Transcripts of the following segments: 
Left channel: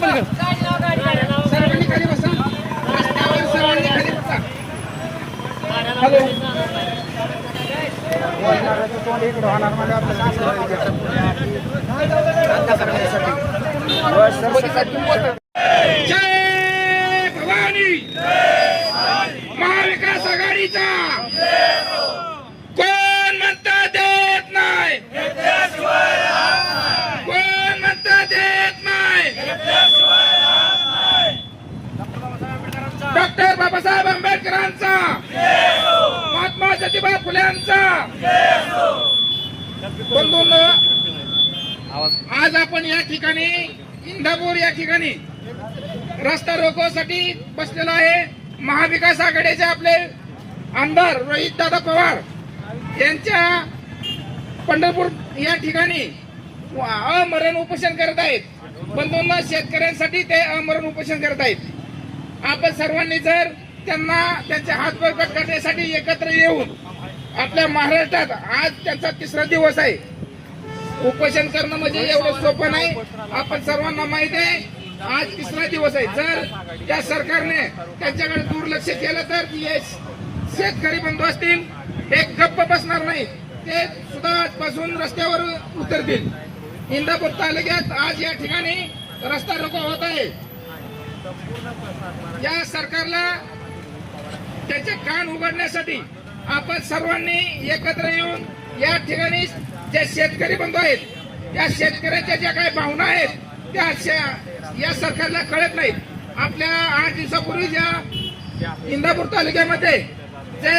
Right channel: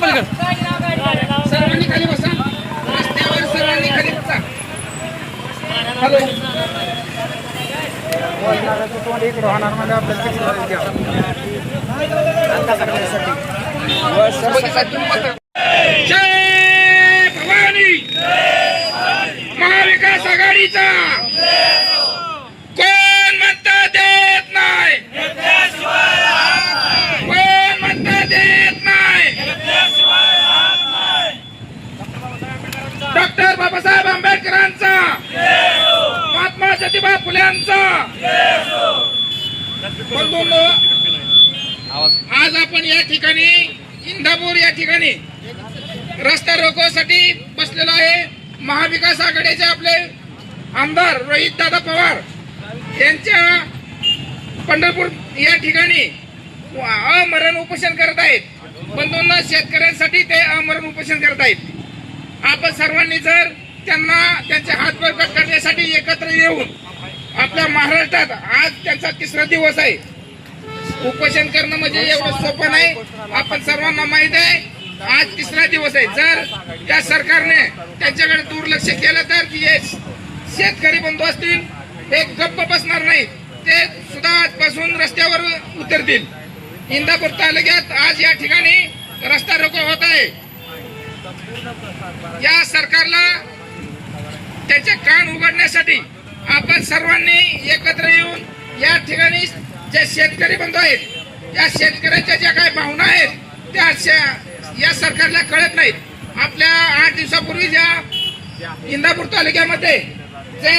पलीकडे सर्वांनी खाली बसा. रस्त्यावर सर्वांनी खाली बसा. जय भवानी. महाविकास आघाडीचा कोण म्हणता देत नाही, कोण म्हणता देत नाही. डॉक्टर बाबासाहेब आंबेडकरांचा, महात्मा ज्योतिबा फुल्यांचा. बंधूंनो, आज आपण या ठिकाणी इंदापूर या ठिकाणी रस्ता रोकोसाठी बसलेला आहे. महाविकास आघाडीचे आपले आमदार रोहित दादा पवार यांच्या पंढरपूर या ठिकाणी अमरण उपोषण करत आहेत. बंधूंना, शेतकऱ्यांसाठी ते अमरण उपोषण करत आहेत. आपण सर्वांनी जर त्यांना त्यांचे हात बळकट करण्यासाठी एकत्र येऊन, आपल्या महाराष्ट्रात आज त्यांचा 3रा दिवस आहे. उपोषण करणं म्हणजे एवढं सोपं नाही. आपण सर्वांना माहित आहे, आज 3रा दिवस आहे. जर त्या सरकारने त्यांच्याकडे दुर्लक्ष केलं तर शेतकरी बंधू असतील हे गप्प बसणार नाहीत. ते सुद्धा आजपासून रस्त्यावर उतरतील. इंदापूर तालुक्यात आज या ठिकाणी रस्ता रोको होत आहे. या सरकारला त्याचे कान उघडण्यासाठी आपण सर्वांनी एकत्र येऊन या ठिकाणी जे शेतकरी बंधू आहेत, या शेतकऱ्यांच्या ज्या काही भावना आहेत त्या या सरकारला कळत नाहीत. आपल्या 8 दिवसापूर्वी ज्या इंदापूर तालुक्यामध्ये जे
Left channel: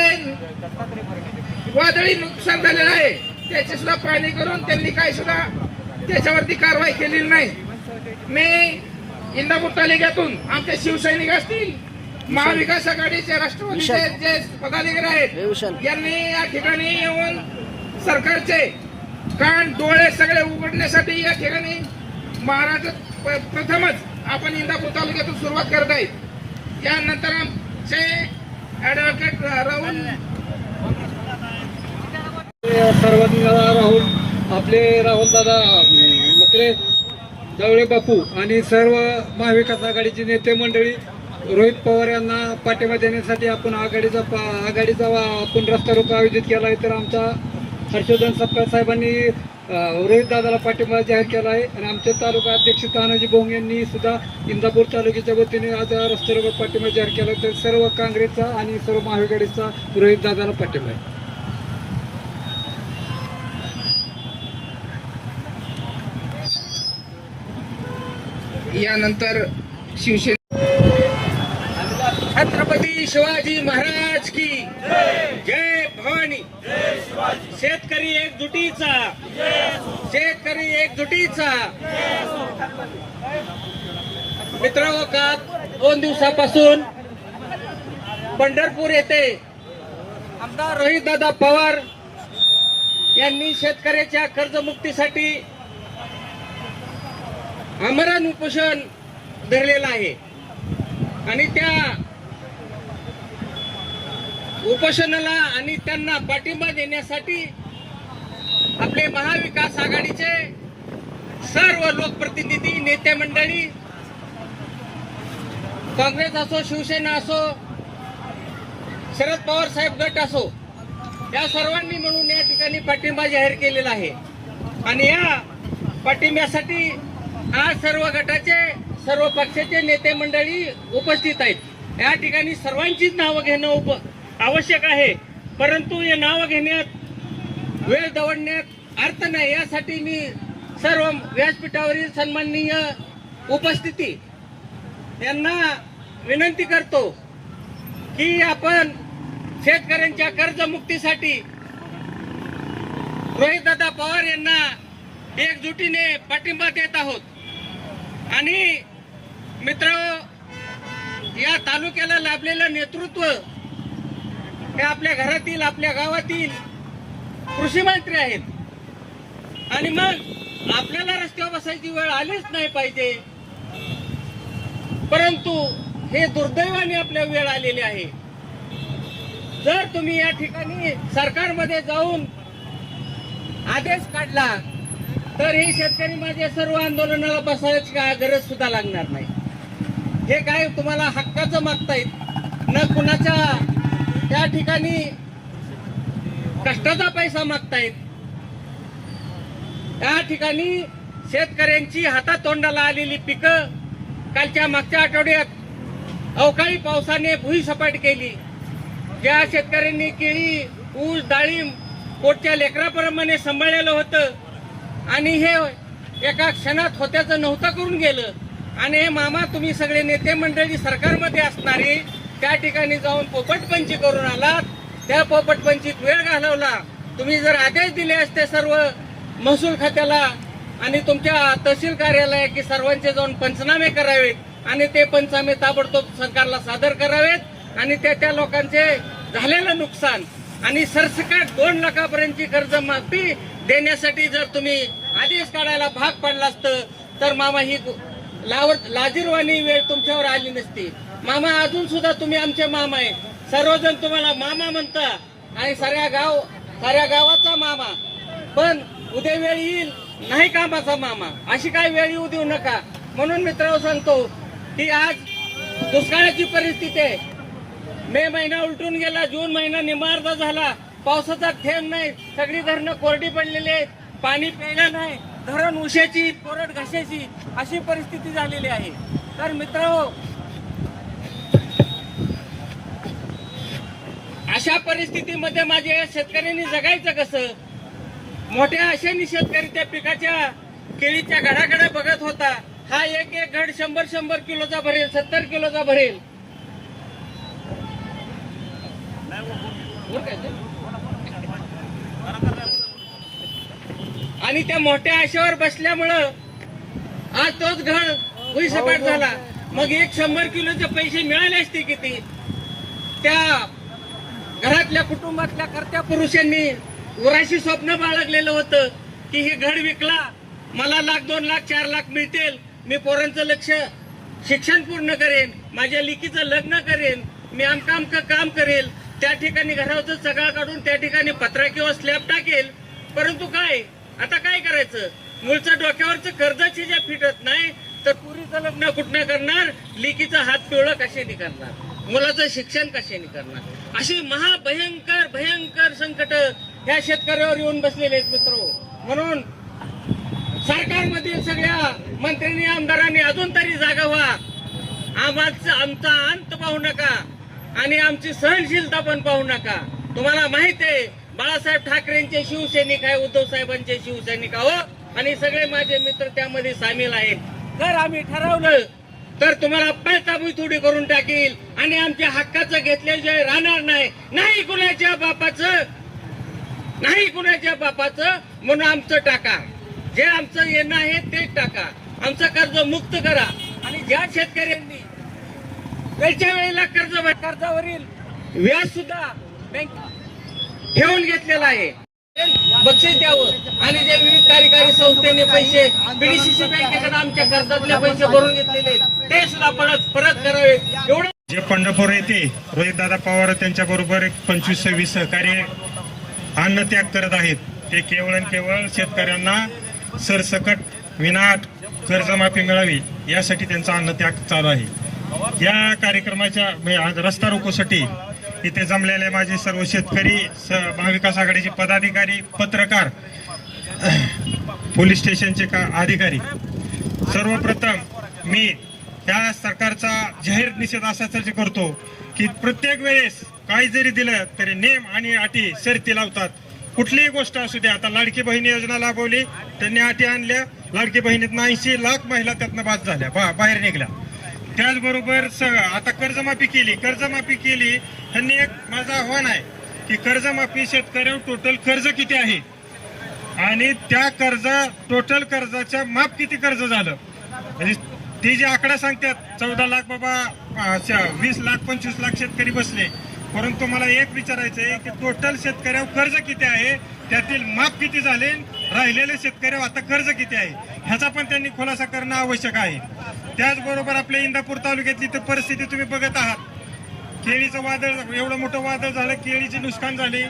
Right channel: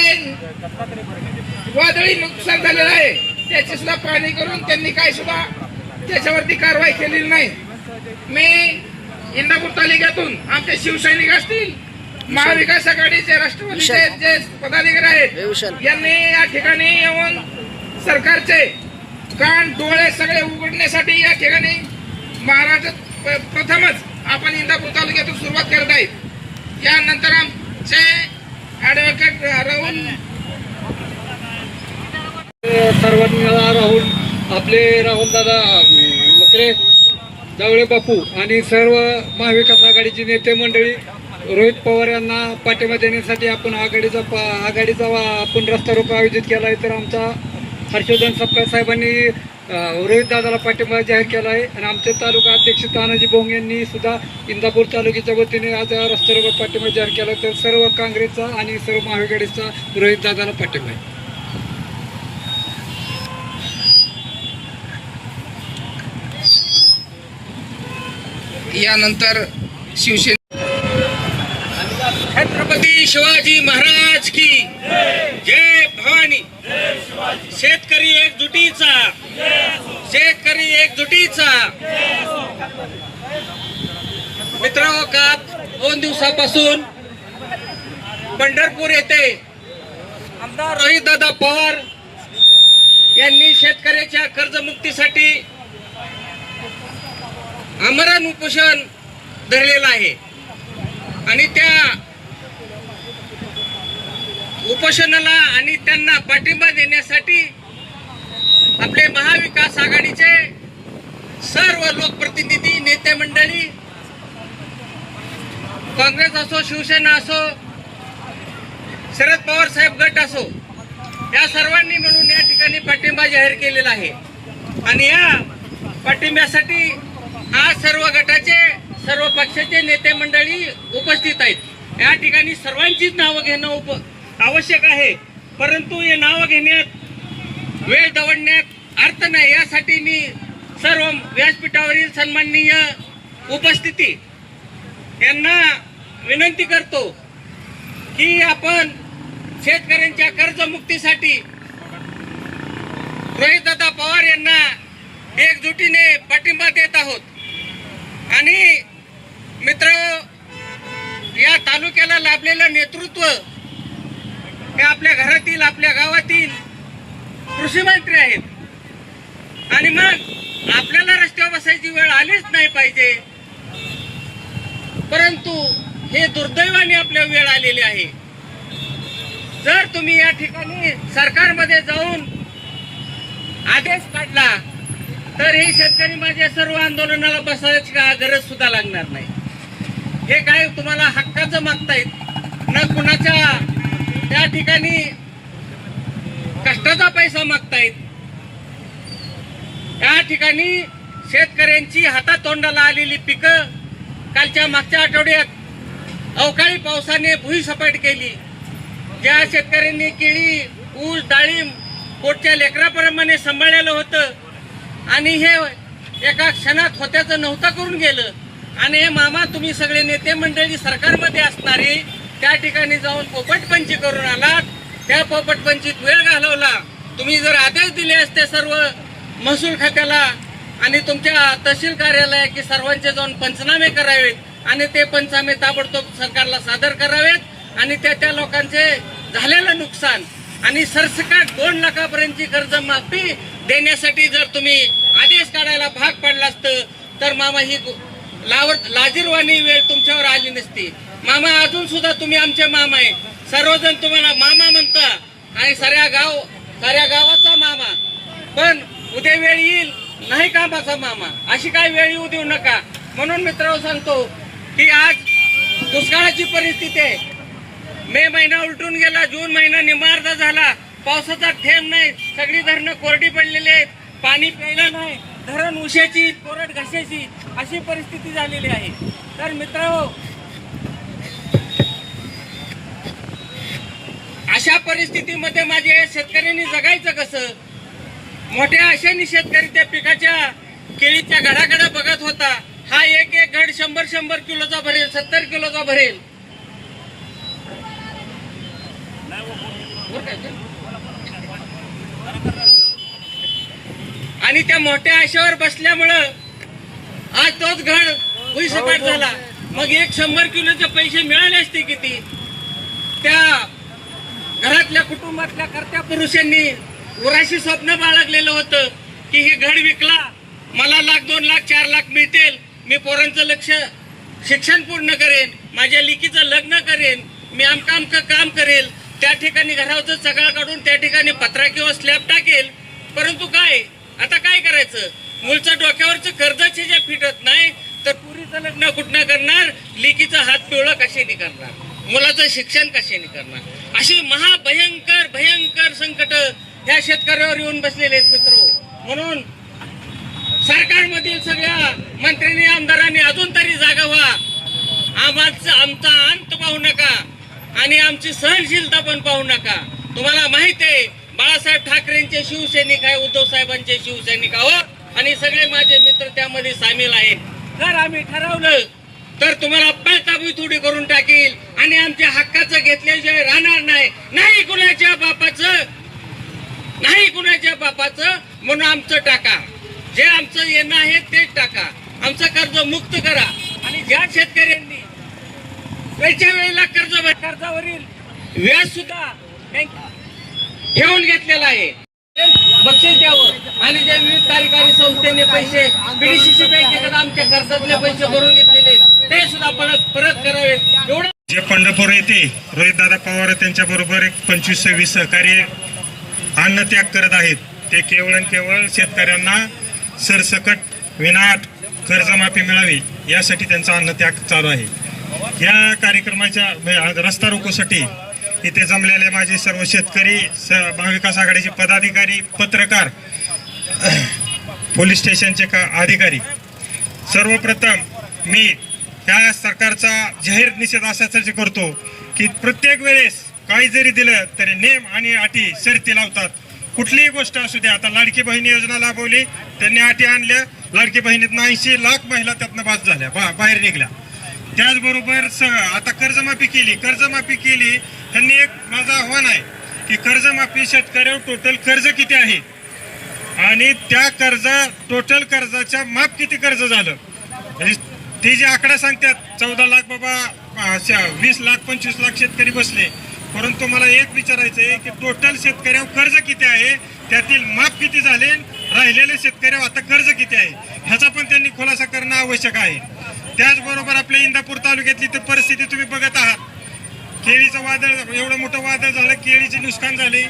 वादळी नुकसान झालेलं आहे त्याची सुद्धा पाहणी करून त्यांनी काही सुद्धा त्याच्यावरती कारवाई केलेली नाही. मी इंदापूर तालुक्यातून आमचे शिवसैनिक असतील, महाविकास आघाडीचे राष्ट्रवादीचे जे पदाधिकारी आहेत यांनी या ठिकाणी येऊन सरकारचे कान डोळे सगळे उघडण्यासाठी या ठिकाणी महाराष्ट्र प्रथमच आपण इंदापूर तालुक्यातून सुरुवात करत आहेत. यानंतर आमचे ऍडव्होकेट राहुल सर्वांनी राहुल आपले राहुलदादा मकरे, जावळे बापू आणि सर्व महाविकास आघाडीची नेते मंडळी रोहित पवार यांना पाठिंबा देण्यासाठी आपण आघाडीचा आपण रस्ता रोको आयोजित केला आहे. तर आमचा हर्षवर्धन सपकाळ साहेबांनी रोहित दादाला पाठिंबा जाहीर केला आहे आणि आमचे तालुका अध्यक्ष तानाजी भोंग यांनी सुद्धा इंदापूर तालुक्याच्या वतीने आज रस्ता रोको पाठिंबा जाहीर केला. तर सर्व काँग्रेसचा आणि सर्व महाविकासचा रोहित दादाला पाठिंबा आहे. यानंतर शिवसेना छत्रपती शिवाजी महाराज की जय भवानी. शेतकरी एकजुटीचा, शेतकरी एकजुटीचा. मित्रांनो, का 2 दिवसापासून पंढरपूर येथे आमदार रोहित दादा पवार यांनी शेतकऱ्याच्या कर्जमुक्तीसाठी आमरण उपोषण धरलेलं आहे आणि त्या उपोषणाला आणि त्यांना पाठिंबा देण्यासाठी आपले महाविकास आघाडीचे सर्व लोकप्रतिनिधी, नेते मंडळी, काँग्रेस असो, शिवसेना असो, शरद पवार साहेब गट असो, या सर्वांनी मिळून या ठिकाणी पाठिंबा जाहीर केलेला आहे. आणि या पाठिंब्यासाठी आज सर्व गटाचे, सर्व पक्षाचे नेते मंडळी उपस्थित आहेत. या ठिकाणी सर्वांचीच नावं घेणं आवश्यक आहे, परंतु हे नावं घेण्यात वेळ दवडण्यात अर्थ नाही. यासाठी मी सर्व व्यासपीठावरील सन्माननीय उपस्थिती यांना विनंती करतो की आपण शेतकऱ्यांच्या कर्जमुक्तीसाठी रोहितदादा पवार यांना एकजुटीने पाठिंबा देत आहोत. आणि मित्रांनो, या तालुक्याला लाभलेलं नेतृत्व हे आपल्या घरातील, आपल्या गावातील कृषी मंत्री आहेत आणि मग आपल्याला रस्त्यावर बसायची वेळ आलीच नाही पाहिजे, परंतु हे दुर्दैवाने आपल्या वेळ आलेली आहे. जर तुम्ही या ठिकाणी सरकारमध्ये जाऊन आदेश काढला तर हे शेतकरी माझ्या सर्व आंदोलनाला बसायची गरज सुद्धा लागणार नाही. हे काय तुम्हाला हक्काचं मागतायत न कुणाच्या त्या ठिकाणी कष्टाचा पैसा मागतायत. त्या ठिकाणी शेतकऱ्यांची हातातोंडाला आलेली पिकं कालच्या मागच्या आठवड्यात अवकाळी पावसाने भुईसपाट केली. ज्या शेतकऱ्यांनी केळी, ऊस, डाळिंब पोटच्या लेकराप्रमाणे सांभाळलेलं होतं आणि हे एका क्षणात होत्याचं नव्हतं करून गेलं. आणि हे मामा तुम्ही सगळे नेते मंडळी सरकारमध्ये असणारे त्या ठिकाणी जाऊन पोपटपंची करून आलात. त्या पोपटपंचीत वेळ घालवला. तुम्ही जर आदेश दिले असते सर्व महसूल खात्याला आणि तुमच्या तहसील कार्यालय की सर्वांचे जाऊन पंचनामे करावेत आणि ते पंचनामे ताबडतोब सरकारला सादर करावेत आणि त्या लोकांचे झालेलं नुकसान आणि सरसकट 2 लाखापर्यंतची कर्जमाफी देण्यासाठी जर तुम्ही आदेश काढायला भाग पडला असतं तर मामा ही लाजिरवाणी वेळ तुमच्यावर आली नसती. मामा अजून सुद्धा तुम्ही आमचे मामा आहे. सर्वजण तुम्हाला मामा म्हणता आणि साऱ्या गावाचा मामा. पण उद्या वेळ येईल नाही कामाचा मामा. अशी काय वेळ येऊ देऊ नका. म्हणून मित्रांनो सांगतो की आज दुष्काळाची परिस्थिती आहे. मे महिना उलटून गेला, जून महिना निम्मा झाला, पावसाचा थेंब नाही, सगळी धरणं कोरडी पडलेली आहेत, पाणी प्यायलं नाही, धरण उशाची कोरड घशाची अशी परिस्थिती झालेली आहे. तर मित्रांनो अशा परिस्थितीमध्ये माझ्या शेतकऱ्यांनी जगायचं कसं? मोठ्या आशेने शेतकरी त्या पिकाच्या केळीच्या घडाकडे बघत होता. हा एक घड 100 किलोचा भरेल, 70 किलोचा भरेल. आणि त्या मोठ्या आशेवर बसल्यामुळं आज तोच घड भुईसपाट झाला. मग 100 किलोचे पैसे मिळाले असते किती? त्या घरातल्या कुटुंबातल्या कर्त्या पुरुषांनी उराशी स्वप्न बाळगलेलं होतं की हे घड विकला मला 1,00,000, 2,00,000, 4,00,000 मिळतील, मी पोरांचं शिक्षण पूर्ण करेन, माझ्या लेकीचं लग्न करेन, मी आमका काम करेल, त्या ठिकाणी घरावरचं सगळं काढून त्या ठिकाणी पत्रा किंवा स्लॅब टाकेल. परंतु काय आता काय करायचं? मुलचं डोक्यावरचं कर्जाची ज्या फिटत नाही तर पुरीचं लग्न कुठनं करणार, लेकीचं हात पिवळं कशाने करणार, मुलाचं शिक्षण कशाने करणार? अशी भयंकर संकट ह्या शेतकऱ्यावर येऊन बसलेले आहेत मित्र. म्हणून सरकारमधील सगळ्या मंत्र्यांनी आमदारांनी अजून तरी जागा व्हा. आमचा अंत पाहू नका आणि आमची सहनशीलता पण पाहू नका. तुम्हाला माहिती आहे बाळासाहेब ठाकरेंचे शिवसैनिक आहे, उद्धव साहेबांचे शिवसैनिक आहोत आणि सगळे माझे मित्र त्यामध्ये सामील आहेत. जर आम्ही ठरवलं तर तुम्हाला पळताबी थोडी करून टाकील आणि आमच्या हक्काचं घेतल्याशिवाय राहणार नाही. नाही कुणाच्या बापाचं म्हणून आमचं टाका, जे आमचं येणं आहे तेच टाका, आमचं कर्ज मुक्त करा. आणि ज्या शेतकऱ्यांनी वेळच्या वेळेला कर्जावरील व्याज सुद्धा बँक घेऊन घेतलेला आहे बक्षीस द्यावं. आणि जे विविध कार्यकारी संस्थेने पैसे पीडीसीसी बँकेकडे आमच्या कर्जातले पैसे भरून घेतलेले ते सुद्धा परत करावेत. एवढं जे पंढरपूर येथे रोहितदादा पवार त्यांच्या बरोबर 25-26 सहकारी अन्नत्याग करत आहेत. ते केवळ आणि केवळ शेतकऱ्यांना सरसकट विनाट कर्जमाफी मिळावी यासाठी त्यांचा अन्नत्याग चालू आहे. या कार्यक्रमाच्या रस्ता रोकोसाठी इथे जमलेले माझे सर्व शेतकरी, महाविकास आघाडीचे पदाधिकारी, पत्रकार, पोलीस स्टेशनचे अधिकारी, सर्वप्रथम मी त्या सरकारचा जाहीर निषेध असासाठी करतो की प्रत्येक वेळेस काही जरी दिलं तरी नेम आणि अटी शर्ती लावतात. कुठलीही गोष्ट असू द्या. आता लाडकी बहीण योजना राबवली, त्यांनी अटी आणल्या, लाडकी बहिणीतनं 80 लाख महिला त्यातनं बाद झाल्या, बाहेर निघल्या. त्याचबरोबर आता कर्जमाफी केली. ह्यांनी एक माझं आव्हान आहे की कर्जमाफी शेतकऱ्यावर टोटल कर्ज किती आहे आणि त्या टोटल कर्जाच्या माफ किती कर्ज झालं, म्हणजे ते जे आकडा सांगतात 14 लाख बाबा 20 लाख 25 लाख शेतकरी बसले. परंतु मला एक विचारायचं आहे की टोटल शेतकऱ्यावर कर्ज किती आहे, त्यातील माफ किती झाले, राहिलेले शेतकऱ्यावर आता कर्ज किती आहे ह्याचा पण त्यांनी खुलासा करणं आवश्यक आहे. त्याचबरोबर आपल्या इंदापूर तालुक्यातली तर परिस्थिती तुम्ही बघत आहात. केळीचं वादळ, एवढं मोठं वादळ झालं, केळीचे नुकसान झाले.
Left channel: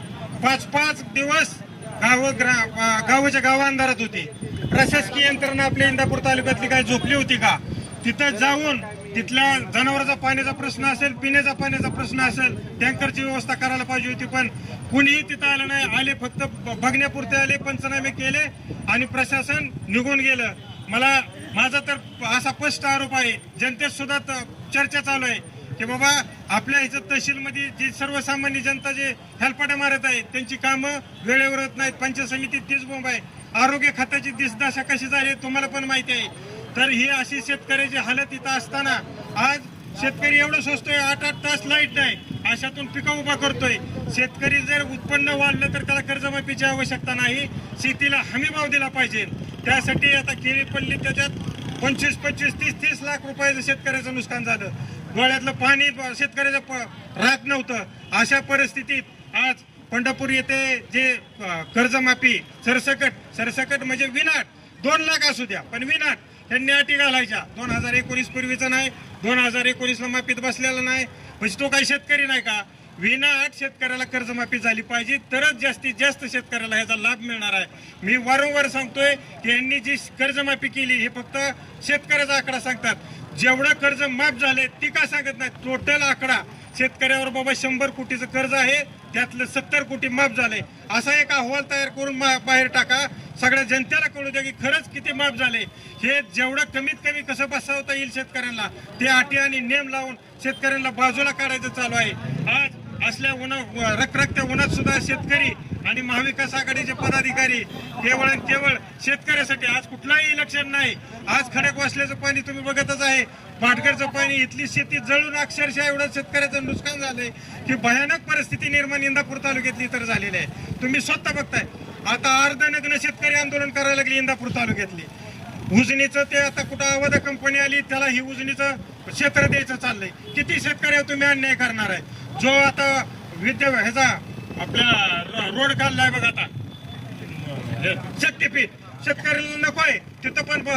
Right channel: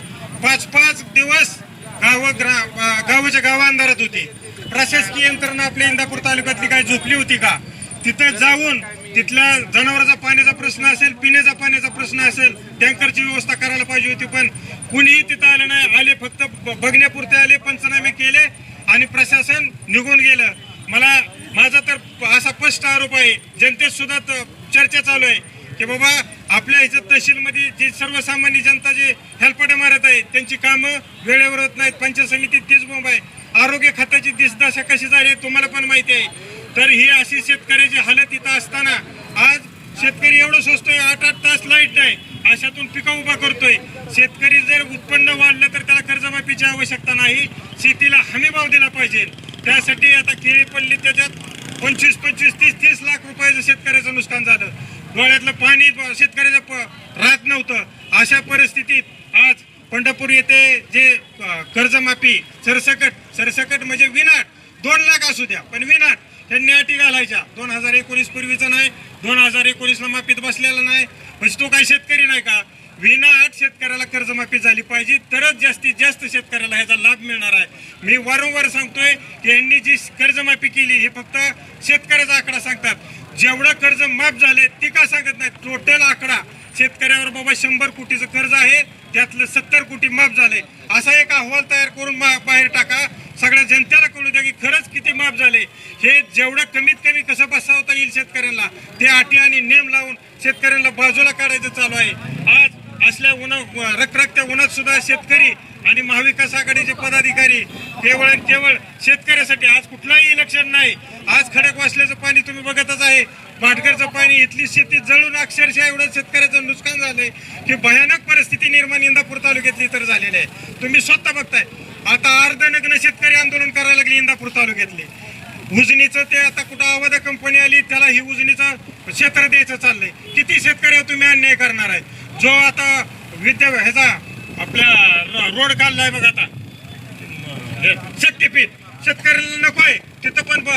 5-5 दिवस गावच्या गाव अंधारात होते. प्रशासकीय यंत्रणा आपल्या इंदापूर तालुक्यातली काय झोपली होती का? तिथं जाऊन तिथल्या जनावरांचा पाण्याचा प्रश्न असेल, पिण्याचा पाण्याचा प्रश्न असेल, टँकरची व्यवस्था करायला पाहिजे होती, पण कुणीही तिथं आलं नाही. आले फक्त बघण्यापुरते आले, पंचनामे केले आणि प्रशासन निघून गेलं. माझा तर असा स्पष्ट आरोप आहे, जनतेत सुद्धा चर्चा चालू आहे की बाबा आपल्या ह्याच्यात तहसीलमध्ये जी सर्वसामान्य जनता जे हेलपाटे मारत आहे त्यांची कामं वेळेवर होत नाहीत. पंचायत समितीत तीच बोंब आहे. आरोग्य खात्याची दिसदशा कशी झाली तुम्हाला पण माहिती आहे. तर ही अशी शेतकऱ्याची हालत इथं असताना आज शेतकरी एवढं सोचतोय, 8-8 तास लाईट नाही, अशातून पिकं उभा करतोय. शेतकरी जर उत्पन्न वाढलं तर त्याला कर्जमाफीची आवश्यकता नाही, शेतीला हमी भाव दिला पाहिजे. त्यासाठी आता केळी पडली, त्याच्यात 25-25, 30-30 लाख रुपयाचं शेतकऱ्याचं नुकसान झालं. डोळ्यातलं पाणी शेतकऱ्याचं राहत नव्हतं. अशा परिस्थितीत आज पंढरपूर येथे जे कर्जमाफी सरसकट म्हणजे विनाट 2 लाख असू द्या, पण विनाट त्यांनी अटी घालायच्या. 2019 पूर्वीचं नाही, 2019ला माफीत बसलेला नाही, म्हणजे तो काही शेतकरी नाही का? विनाट शेतकऱ्याला कर्जमाफी झाली पाहिजे, तरच जास्तीत जास्त शेतकऱ्याला ह्याचा लाभ मिळणार आहे. मी वारंवार सांगतोय की यांनी जी कर्जमाफी केली ही फक्त शेतकऱ्याचा आकडा सांगतात. जेवढं कर्ज माफ झाले ती का सांगत नाही? टोटल आकडा शेतकऱ्यावर बाबा 100 कोटीचं कर्ज आहे, त्यातलं 70 कोटी माफ झाले, असा एक अहवाल तयार करून बाहेर टाका. सगळ्या जनतेला कळू द्या की खरंच किती माफ झाले. हे जेवढं कमीत कमी कसं बसवता येईल शेतकऱ्यांना, ते अटी आणि नेम लावून शेतकऱ्यांना बाजूला काढायचं चालू आहे. आज असल्या रखरखत्या उन्हात सुद्धा शेतकरी आणि महाविकास आघाडीचे पदाधिकारी केवळ शेतकऱ्यासाठी, आज कुठलाही इलेक्शन नाही, आज खडकवासल्याचं पाणी तुम्ही बघतच आहे, भाटघरचं पाणी, इथली शेती जळून अक्षरशः एवढं शेतकऱ्याचं नुकसान झालंय की भयानक परिस्थिती निर्माण इंदापूर तालुक्यातली तर झालेली आहे. तुम्ही स्वतः बघताय. आता अर्धनग्न शेतकरी आंदोलन करायला लागले इंदापूर तालुक्यातले. उजनीचं ते आता कुठं अवध कंपनी आली, त्याला ही उजनीचं क्षेत्र द्यायचं चाललंय. किती शेतकऱ्यावर तुम्ही अन्याय करणार आहे? जो आता ह्याचा आपल्या रोड काढलाय बघा आता शक्तीपीठ, शेतकऱ्याला नकोय तिथं, पण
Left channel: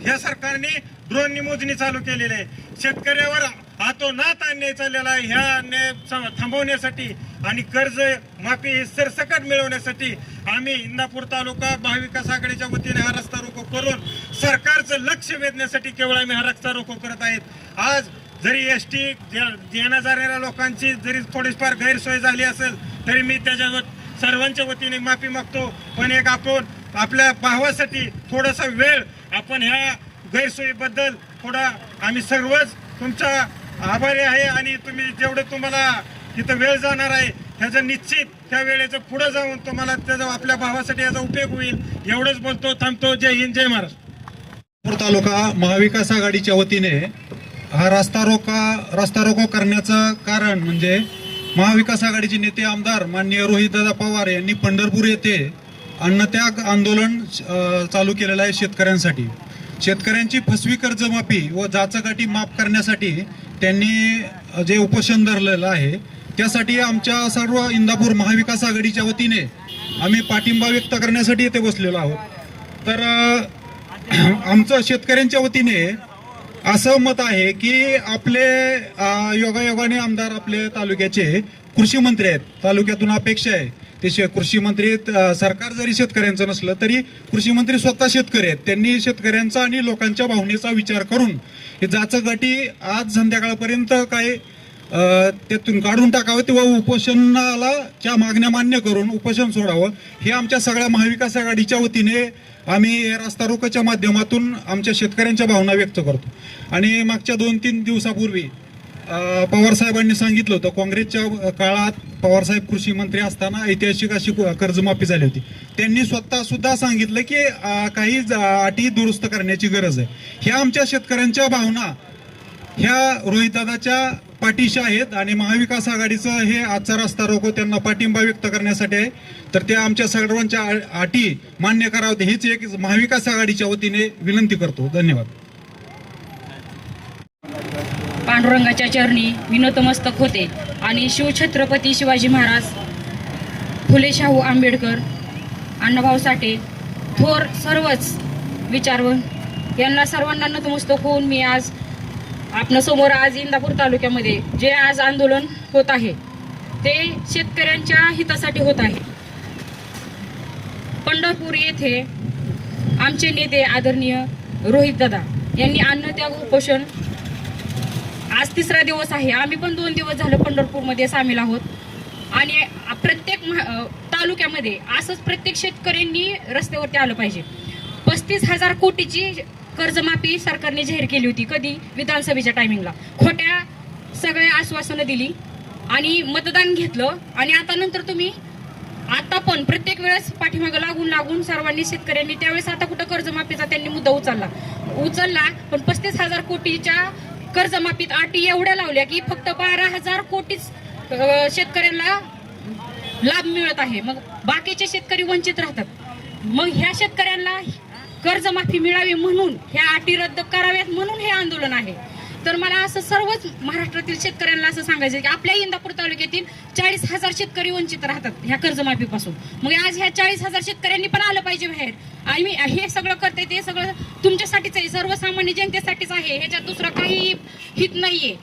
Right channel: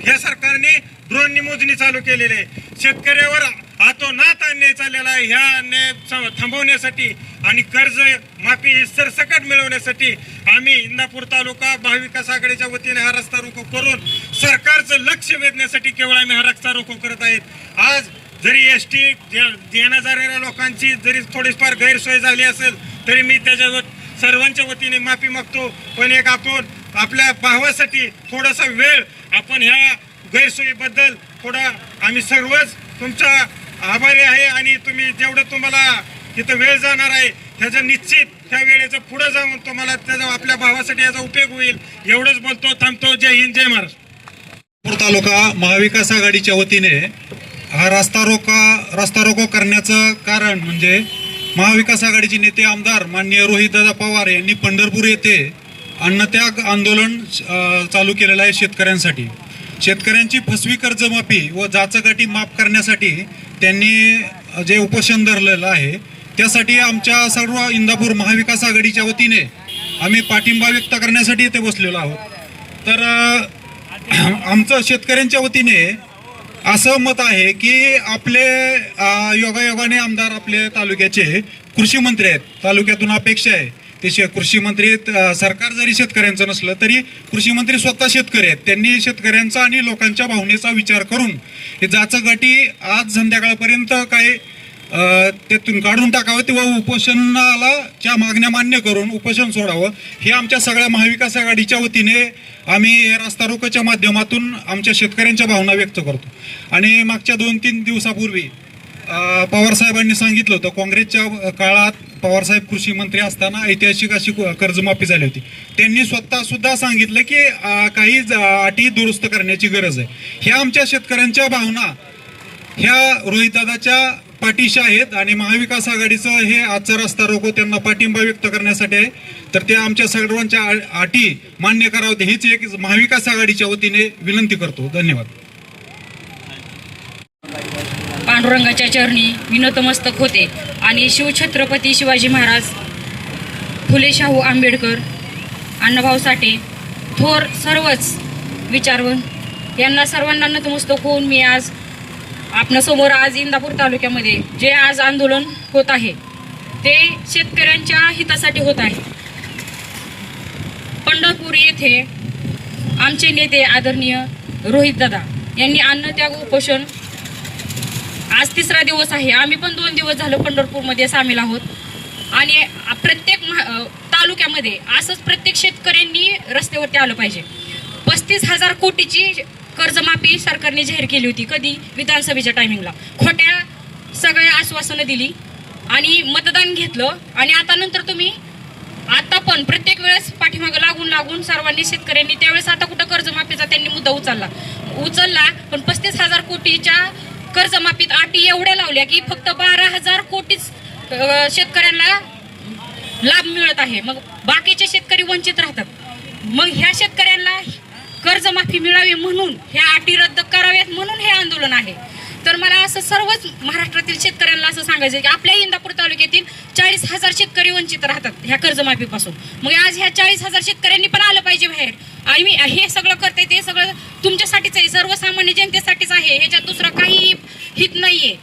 ह्या सरकारने ड्रोननी मोजणी चालू केलेली आहे. शेतकऱ्यावर हातोनात अन्याय चाललेला आहे. ह्या अन्याय थांबवण्यासाठी आणि कर्ज माफी सरसकट मिळवण्यासाठी आम्ही इंदापूर तालुका महाविकास आघाडीच्या वतीने हा रस्ता रोको करून सरकारचं लक्ष वेधण्यासाठी केवळ आम्ही हा रस्ता रोको करत आहेत. आज जरी एसटी येण्या जाणाऱ्या लोकांची जरी थोडीफार गैरसोय झाली असेल तरी मी त्याच्यावर सर्वांच्या वतीने माफी मागतो. पण एक आपण आपल्या भावासाठी थोडासा वेळ आपण ह्या गैरसोयीबद्दल थोडा आम्ही सर्वच तुमचा आभारी आहे आणि तुम्ही जेवढं तुम्हाला तिथं वेळ जाणार आहे ह्याचं निश्चित त्या वेळेचं पुढे जाऊन तुम्हाला त्याचा आपल्या भावासाठी याचा उपयोग होईल. एवढंच बोलतो, थांबतो. जय हिंद, जय महाराष्ट्र. तालुका महाविकास आघाडीच्या वतीने हा रस्ता रोको करण्याचं कारण म्हणजे महाविकास आघाडीचे नेते आमदार माननीय रोहितदादा पवार यांनी पंढरपूर येथे अन्नत्याग आंदोलन चालू केलेलं आहे. शेतकऱ्यांची फसवी कर्जमाफी व जाचकाठी माफ करण्यासाठी त्यांनी जे उपोषण धरलेलं आहे त्यासाठी आमच्या सर्व इंदापूर महाविकास आघाडीच्या वतीने आम्ही पाठिंबा व्यक्त करण्यासाठी इथे बसलेलो आहोत. तर आमचं शेतकऱ्यांच्या वतीने असं मत आहे की आपले योगायोगाने आमदार आपले तालुक्याचे कृषी मंत्री आहेत. तालुक्यातून अपेक्षा आहे ते कृषी मंत्री सरकार जरी शेतकऱ्यांचं नसलं तरी कृषी मंत्री स्वतः शेतकरी आहेत. त्यांनी शेतकऱ्यांचा आणि लोकांच्या भावनेचा विचार करून हे जाचकाठी आज संध्याकाळपर्यंत काय त्यातून काढून टाकावं किंवा उपोषणाला च्या मागण्या मान्य करून उपोषण सोडावं हे आमच्या सगळ्या महाविकास आघाडीच्या वतीने आम्ही रस्ता रोकोच्या माध्यमातून आमच्या शेतकऱ्यांच्या भावना व्यक्त करतो. आणि मागच्या 2-3 दिवसापूर्वी पवारसाहेबांनी सांगितलं होतं काँग्रेसच्या काळात पवारसाहेब कृषी मंत्री असताना ऐतिहासिक अशी कर्जमाफी झाली होती. त्यांनी स्वतः सुद्धा सांगितलं की काही अटी दुरुस्त करण्याची गरज आहे. ह्या आमच्या शेतकऱ्यांच्या भावना ह्या रोहितदादाच्या पाठीशी आहेत आणि महाविकास आघाडीचं हे आजचा रस्ता रोको त्यांना पाठिंबा व्यक्त करण्यासाठी आहे. तर ते आमच्या सर्वांच्या अटी मान्य कराव्यात हीच एक महाविकास आघाडीच्या वतीने विनंती करतो. धन्यवाद. पांडुरंगाच्या चरणी विनतमस्तक होते आणि शिवछत्रपती शिवाजी महाराज, फुले शाहू आंबेडकर, अण्णाभाऊ साठे, थोर सर्वच विचारवंत यांना सर्वांना नतमस्तक होऊन मी आज आपणासमोर आज इंदापूर तालुक्यामध्ये जे आज आंदोलन होत आहे ते शेतकऱ्यांच्या हितासाठी होत आहे. पंढरपूर येथे आमचे नेते आदरणीय रोहित दादा यांनी अन्नत्याग उपोषण आज 3रा दिवस आहे. आम्ही पण 2 दिवस झालं पंढरपूरमध्ये सामील आहोत आणि प्रत्येक तालुक्यामध्ये असंच प्रत्येक शेतकऱ्यांनी रस्त्यावरती आलं पाहिजे. 35,000 कोटीची कर्जमाफी सरकारने जाहीर केली होती. कधी? विधानसभेच्या टायमिंगला. खोट्या सगळ्या आश्वासनं दिली आणि मतदान घेतलं आणि आता नंतर तुम्ही आता पण प्रत्येक वेळेस पाठीमागं लागून सर्वांनी शेतकऱ्यांनी त्यावेळेस आता कुठं कर्जमाफीचा त्यांनी मुद्दा उचलला पण 35,000 कोटीच्या कर्जमाफीत अटी एवढ्या लावल्या की फक्त 12,000 कोटीच शेतकऱ्यांना लाभ मिळत आहे. मग बाकीचे शेतकरी वंचित राहतात. मग ह्या शेतकऱ्यांना कर्जमाफी मिळावी म्हणून ह्या अटी रद्द कराव्यात म्हणून हे आंदोलन आहे. तर मला असं सर्वच महाराष्ट्रातील शेतकऱ्यांना असं सांगायचं की आपल्या इंदापूर तालुक्यातील 40,000 शेतकरी वंचित राहतात ह्या कर्जमाफीपासून. मग आज ह्या 40,000 शेतकऱ्यांनी पण आलं पाहिजे बाहेर. आणि मी हे सगळं करते ते सगळं तुमच्यासाठीच आहे, सर्वसामान्य जनतेसाठीच आहे. ह्याच्यात दुसरं काही हित नाहीये.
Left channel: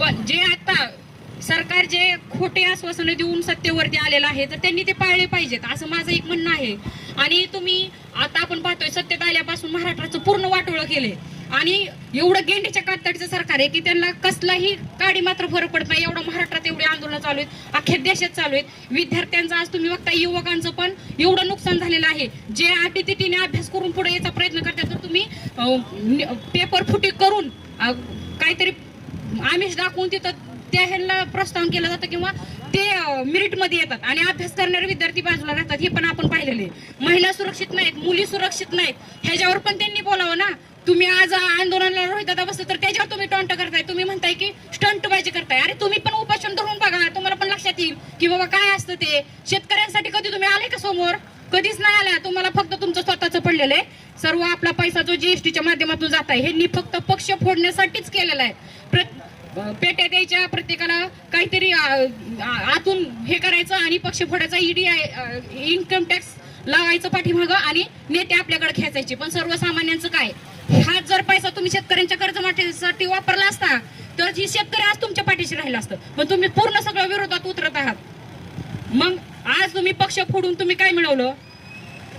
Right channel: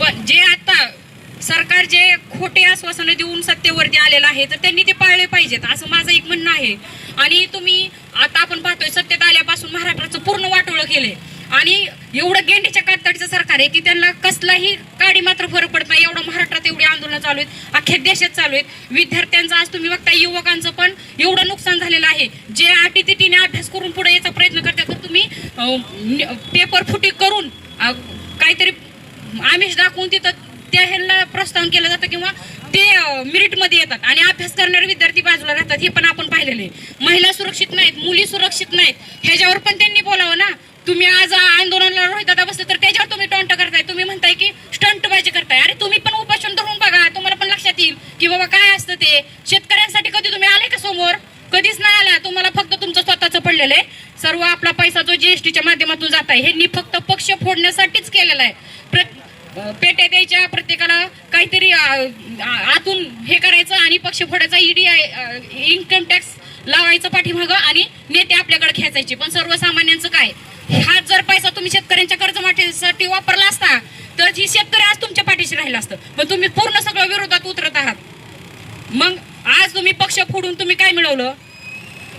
पण जे आता सरकार जे खोटे आश्वासनं देऊन सत्तेवरती आलेलं आहे तर त्यांनी ते पाळले पाहिजेत असं माझं एक म्हणणं आहे. आणि तुम्ही आता आपण पाहतोय सत्तेत आल्यापासून महाराष्ट्राचं पूर्ण वाटोळं केलंय आणि एवढं गेंडीच्या कातडीचं सरकार आहे की त्यांना कसलाही काडी मात्र फरक पडत नाही. एवढं महाराष्ट्रात एवढी आंदोलनं चालू आहेत, अख्ख्या देशात चालू आहेत. विद्यार्थ्यांचं आज तुम्ही बघता युवकांचं पण एवढं नुकसान झालेलं आहे. जे अटीतिटीने अभ्यास करून पुढे यायचा प्रयत्न करतात तर तुम्ही पेपर फुटी करून काहीतरी आमिष दाखवून तिथं त्या ह्यांना प्रोत्साहन केलं जातं किंवा ते मेरिटमध्ये येतात आणि अभ्यास करणारे विद्यार्थी बाजूला राहतात. हे पण आपण पाहिलेलं आहे. महिला सुरक्षित नाहीत, मुली सुरक्षित नाहीत. ह्याच्यावर पण त्यांनी बोलावं ना. तुम्ही आज आंदोलनाला रोहित दादा बसले तर त्याच्यावर तुम्ही टॉन्ट करताय. तुम्ही म्हणताय की स्टंटबाजी करताय. अरे तुम्ही पण उपोषण धरून बघा, तुम्हाला पण लक्षात येईल की बाबा काय असतं ते. शेतकऱ्यांसाठी कधी तुम्ही आले का समोर? कधीच नाही आला. तुम्हाला फक्त तुमचं स्वतःचं पडलेलं आहे. सर्व आपला पैसा जो जीएसटीच्या माध्यमातून जात आहे हे फक्त पक्ष फोडण्यासाठीच केलेला आहे. पेट्या द्यायच्या प्रत्येकाला काहीतरी आतून हे करायचं आणि पक्ष फोडायचा. ईडी इन्कम टॅक्स लावायचं पाठीमागं आणि नेते आपल्याकडे खेचायचे. पण सर्वसामान्यांचं काय? हा जर पैसा तुम्ही शेतकऱ्यांच्या कर्जमाफीसाठी वापरला असता तर ही शेतकरी आज तुमच्या पाठीशी राहिला असतं. पण तुम्ही पूर्ण सगळं विरोधात उतरत आहात. मग आज तुम्ही पक्ष फोडून तुम्ही काय मिळवलं?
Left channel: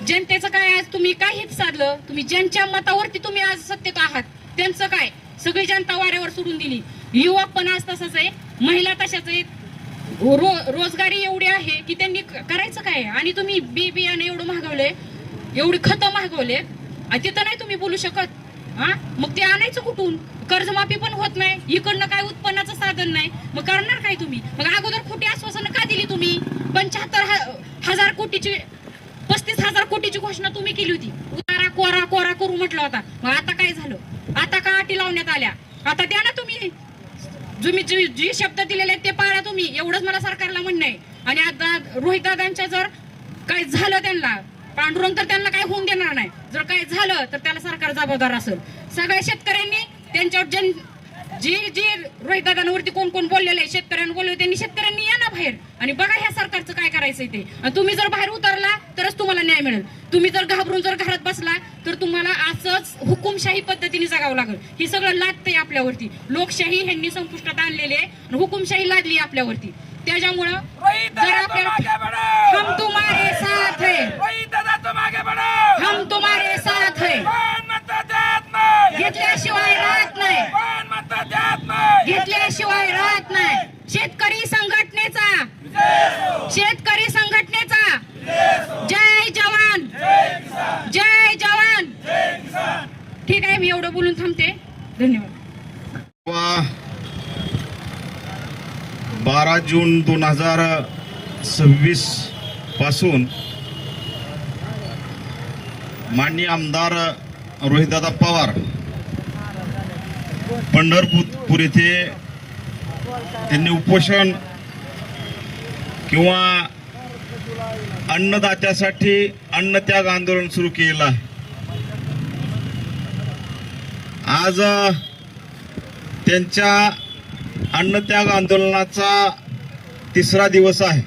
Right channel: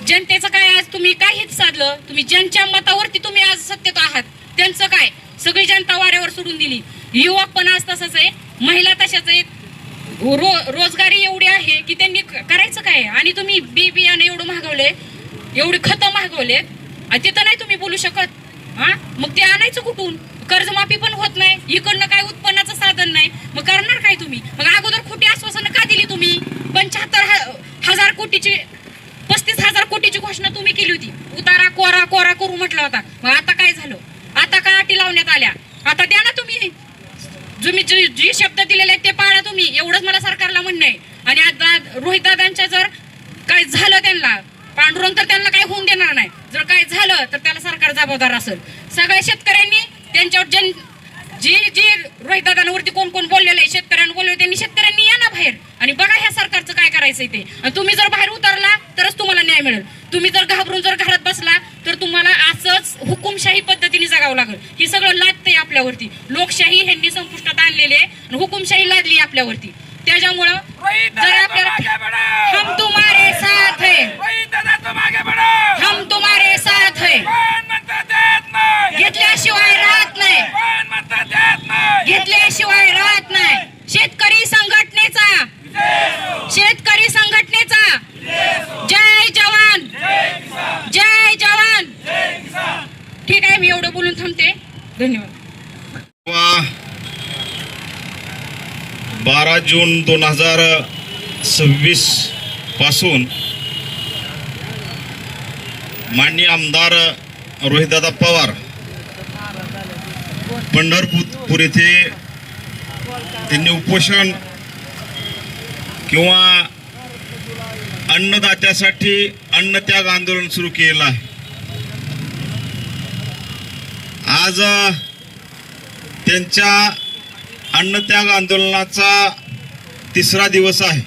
जनतेचं काय? आज तुम्ही काय हित साधलं? तुम्ही ज्यांच्या मतावरती तुम्ही आज सत्तेत आहात त्यांचं काय? सगळी जनता वाऱ्यावर सोडून दिली. युवक पण आज तसंच आहे, महिला तशाच आहेत. रोजगारी एवढी आहे की त्यांनी करायचं काय? आणि तुम्ही बियाणे एवढं महागवले, एवढी खतं महागवले, तिथं नाही तुम्ही बोलू शकत. हा मग ते आणायचं कुठून? कर्जमाफी पण होत नाही, इकडनं काय उत्पन्नाचं साधन नाही. मग करणार काय तुम्ही? मग अगोदर खोटी आश्वासनं का दिली तुम्ही? 75,000 कोटीची 35,000 कोटीची घोषणा तुम्ही केली होती. उतारा कोरा करू म्हटला होता. मग आता काय झालं? आता का अटी लावण्यात आल्या? आता द्या ना तुम्ही. जी शब्द दिलेले आहेत ते पाळा तुम्ही. एवढंच मला सरकारला म्हणणं आहे. आणि आता रोहित दादांच्या जर काय झालं त्यांना पांडुरंग तर त्यांना काय होऊन देणार नाही. जर काय झालं तर त्याला सरकार जबाबदार असेल. सगळ्या शेतकऱ्यांनी त्यांच्यावर जी रोहित दादांवरती कोण बोललेलं आहे, शेतकऱ्यांना बोलले त्यांनी शेतकऱ्यांनी या ना बाहेर आणि बघा ह्या सरकारचं काय करायचंय ते. आणि तुम्ही जर बाहेर उतरला तरच तुम्हाला न्याय मिळेल. तुम्ही जर घाबरून जर घरात बसला तर तुम्हाला असंच हुकुमशाही पद्धतीने जगावं लागेल. ही सगळं लादतंय आपल्यावरती. लोकशाही ह्यांनी संपुष्टात आणलेली आहे आणि हुकुमशाही लादली आपल्यावरती. त्याच्यामुळं जर आपल्याला हम तुम्हारे साथ है, हम तुम्हारे साथ है घेतल्याशिवाय राहत नाही, घेतल्याशिवाय राहत नाही. शेतकरी संघटनेचा जय जवान, जय जवान. ठीक आहे, मी एवढं बोलून थांबते. धन्यवाद. 12 जून 2026 पासून माननीय आमदार रोहितदादा पवार पंढरपूर येथे त्यांनी उपोषण किंवा अन्नदात्यासाठी अन्नत्याग आंदोलन सुरू केलेलं आहे. आज त्यांच्या अन्नत्याग आंदोलनाचा 3रा दिवस आहे.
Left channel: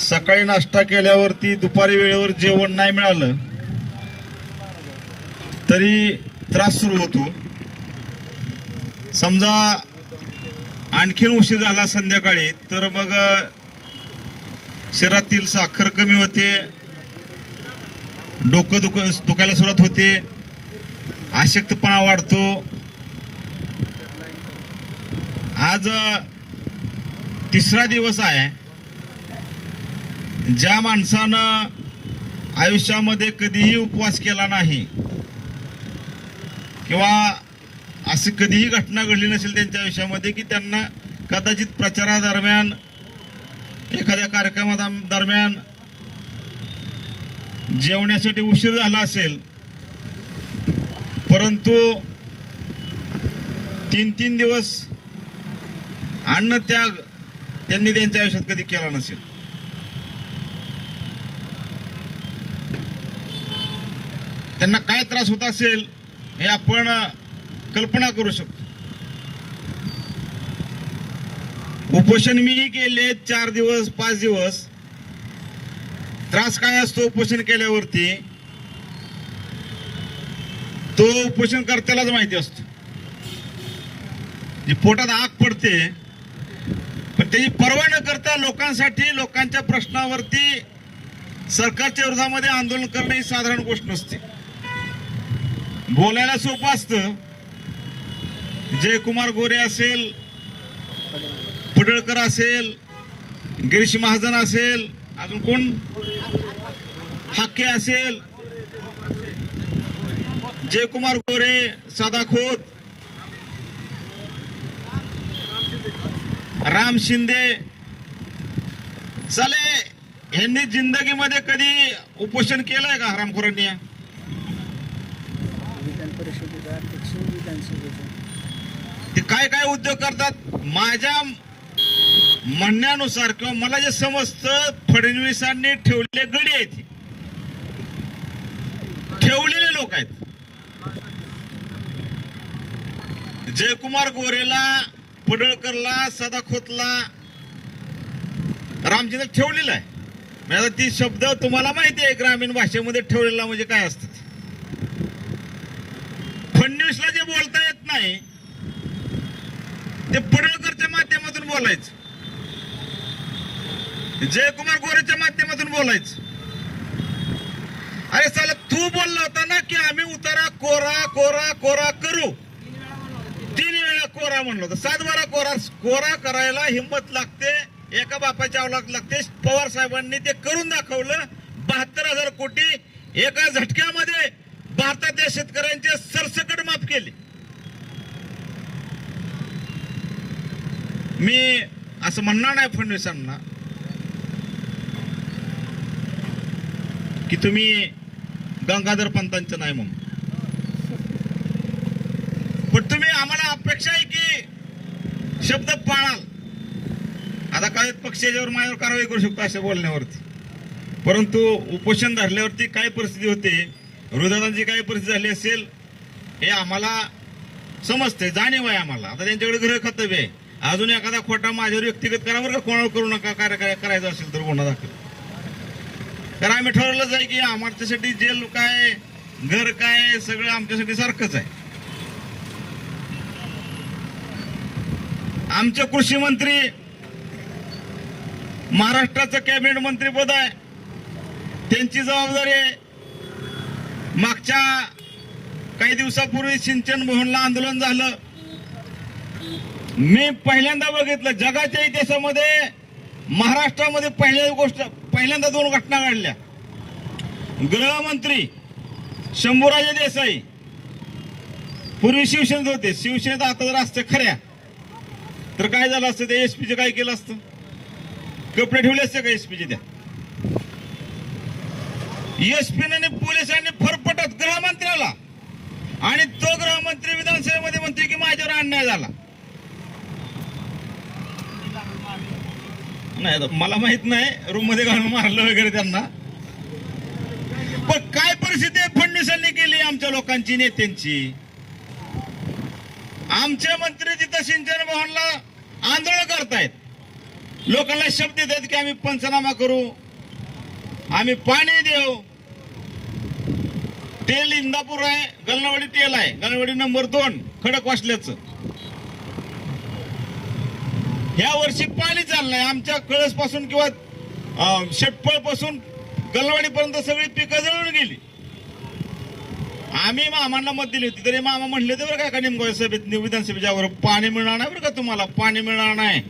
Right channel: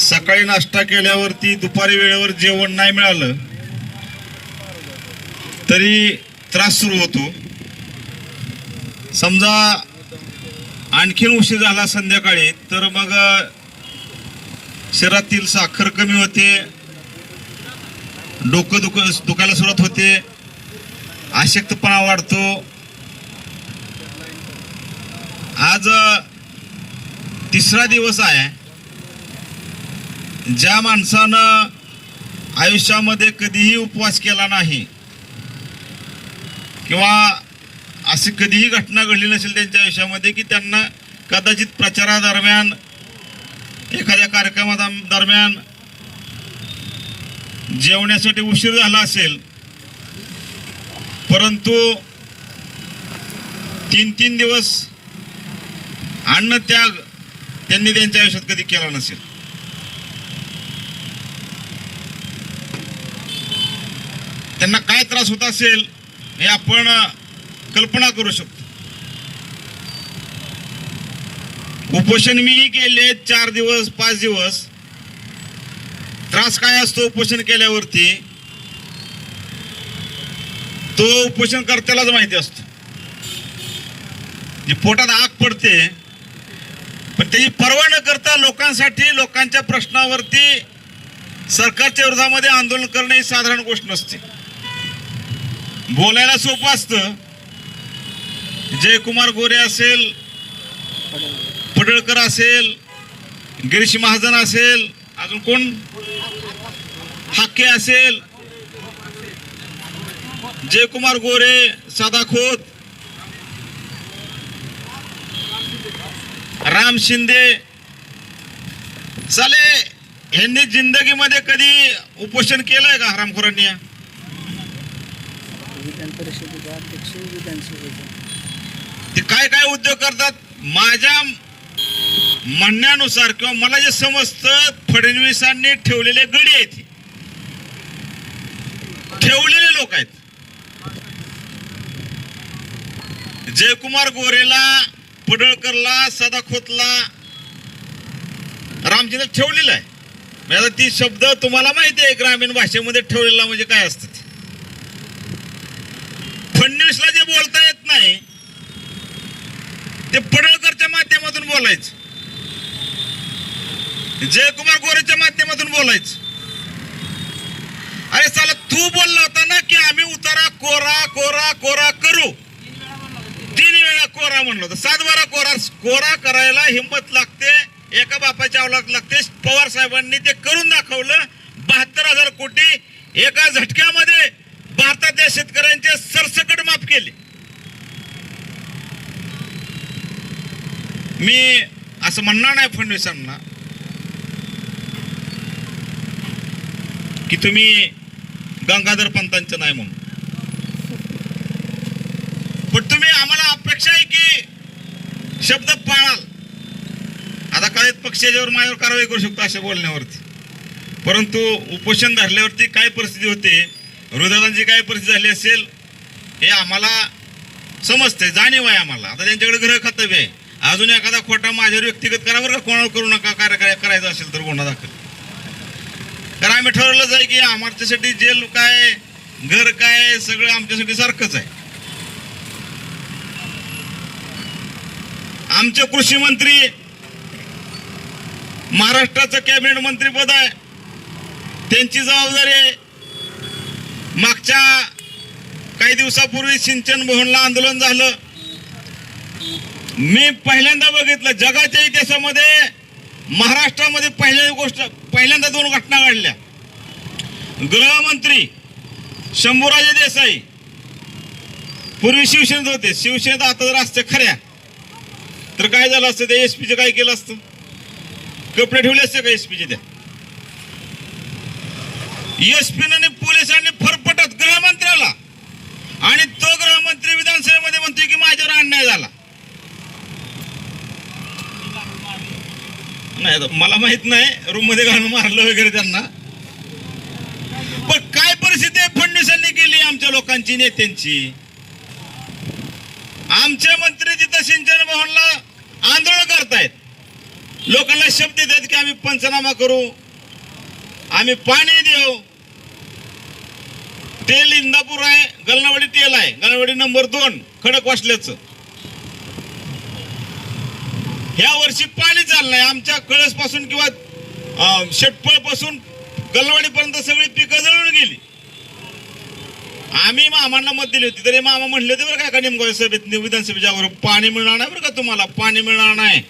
सकाळी नाश्ता केल्यावरती दुपारी वेळेवर जेवण नाही मिळालं तरी त्रास सुरू होतो. समजा आणखीन उशीर झाला संध्याकाळी तर मग शरीरातील साखर कमी होते, डोकं दुखायला सुरुवात होते, अशक्तपणा वाढतो. आज तिसरा दिवस आहे. ज्या माणसानं आयुष्यामध्ये कधीही उपवास केला नाही किंवा अशी कधीही घटना घडली नसेल त्यांच्या आयुष्यामध्ये की त्यांना कदाचित प्रचारादरम्यान एखाद्या कार्यक्रमादरम्यान जेवण्यासाठी उशीर झाला असेल, परंतु 3 दिवस अन्न त्याग त्यांनी त्यांच्या आयुष्यात कधी केला नसेल. त्यांना काय त्रास होत असेल हे आपण कल्पना करू शकतो. उपोषण मीही केले 4 दिवस 5 दिवस. त्रास काय असतो उपोषण केल्यावरती तो उपोषण कर्त्यालाच माहिती असतो. जी पोटात आग पडते, पण त्याची पर्वा न करता लोकांसाठी, लोकांच्या प्रश्नावरती सरकारच्या विरोधामध्ये आंदोलन करणे ही साधारण गोष्ट नसते. बोलायला सोपं असतं. जयकुमार गोरे असेल, पडळकर असेल, गिरीश महाजन असेल, अजून कोण, हाके असेल, जयकुमार गोरे, सादा खोत, राम शिंदे, साले यांनी जिंदगीमध्ये कधी उपोषण केलंय का हरामखोरांनी? ते काय काय उद्योग करतात? माझ्या म्हणण्यानुसार किंवा मला जे समजतं, फडणवीसांनी ठेवलेले गडी आहेत, ठेवलेले लोक आहेत. जयकुमार गोरेला, पडळकरला, सदाखोतला, रामचंद्र ठेवलेला आहे. आता ती शब्द तुम्हाला माहिती आहे ग्रामीण भाषेमध्ये ठेवलेला म्हणजे काय असतं. फडणवीसला जे बोलता येत नाही ते पडळकरच्या माध्यमातून बोलायचं, जयकुमार गोरेच्या माध्यमातून बोलायचं. अरे साला तू बोलला होता ना की आम्ही उतारा कोरा कोरा कोरा करू. 3 वेळा कोरा म्हणलं होतं. 7 बारा कोरा करायला हिंमत लागते, एका बापाच्या अवलाद लागते. पवार साहेबांनी ते करून दाखवलं. 72,000 कोटी एका झटक्यामध्ये भारतातल्या शेतकऱ्यांचे सरसकट माफ केले. मी असं म्हणणार नाही फडणवीसांना की तुम्ही गंगाधर पंतांचं नाही म्हणून, पण तुम्ही आम्हाला अपेक्षा आहे की शब्द पाळाल. आता काही पक्ष याच्यावर माझ्यावर कारवाई करू शकतो अशा बोलण्यावरती, परंतु उपोषण धरल्यावरती काय परिस्थिती होते, विरोधकांची काय परिस्थिती झाली असेल हे आम्हाला समजते, जाणीव आहे आम्हाला. आता त्यांच्याकडे गृह कर्तव्य आहे. अजून एखादा खोटा माझ्यावर व्यक्तिगत करावर का कोणावर करू नका, कार्य करायचं असेल तर गुन्हा दाखल. तर आम्ही ठरवलंच आहे की आमच्यासाठी जेल काय, घर काय, सगळं आमच्यासाठी सारखंच आहे. आमचे कृषी मंत्री, महाराष्ट्राचं कॅबिनेट मंत्रीपद आहे, त्यांची जबाबदारी आहे. मागच्या काही दिवसापूर्वी सिंचन भवनला आंदोलन झालं. मी पहिल्यांदा बघितलं जगाच्या इतिहासामध्ये, महाराष्ट्रामध्ये पहिल्यांदा 2 घटना घडल्या. गृहमंत्री शंभूराजे देसाई पूर्वी शिवसेनेत होते, शिवसेनेत आता जर असते खऱ्या तर काय झालं असतं, त्या एसपीचं काय केलं असतं, कपडे ठेवले असते का एसपीचे? त्या एसपीने पोलिसांनी फरफटत गृहमंत्र्याला, आणि तो गृहमंत्री विधानसभेमध्ये म्हणतोय की माझ्यावर अन्याय झाला. नाही मला माहित नाही रूम मध्ये घालून मारलं वगैरे त्यांना, पण काय परिस्थिती फडणवीसांनी केली आमच्या लोकांची, नेत्यांची. आमचे मंत्री तिथं सिंचन भवनला आंदोलन करतायत, लोकांना शब्द देतात की आम्ही पंचनामा करू, आम्ही पाणी देऊ. तेल इंदापूर आहे, गलनावाडी तेल आहे, गलनावाडी नंबर 2 खडकवासल्याचं. ह्या वर्षी पाणी चाललं नाही. आमच्या कळस पासून किंवा शेटपळ पासून गलवाडी पर्यंत सगळी पिकं जळून गेली. आम्ही मामांना मत दिली होती तरी मामा म्हणले होते बरं का नेमकं सभेत विधानसभेच्या पाणी मिळणार नाही बरं का, तुम्हाला पाणी मिळणार नाही.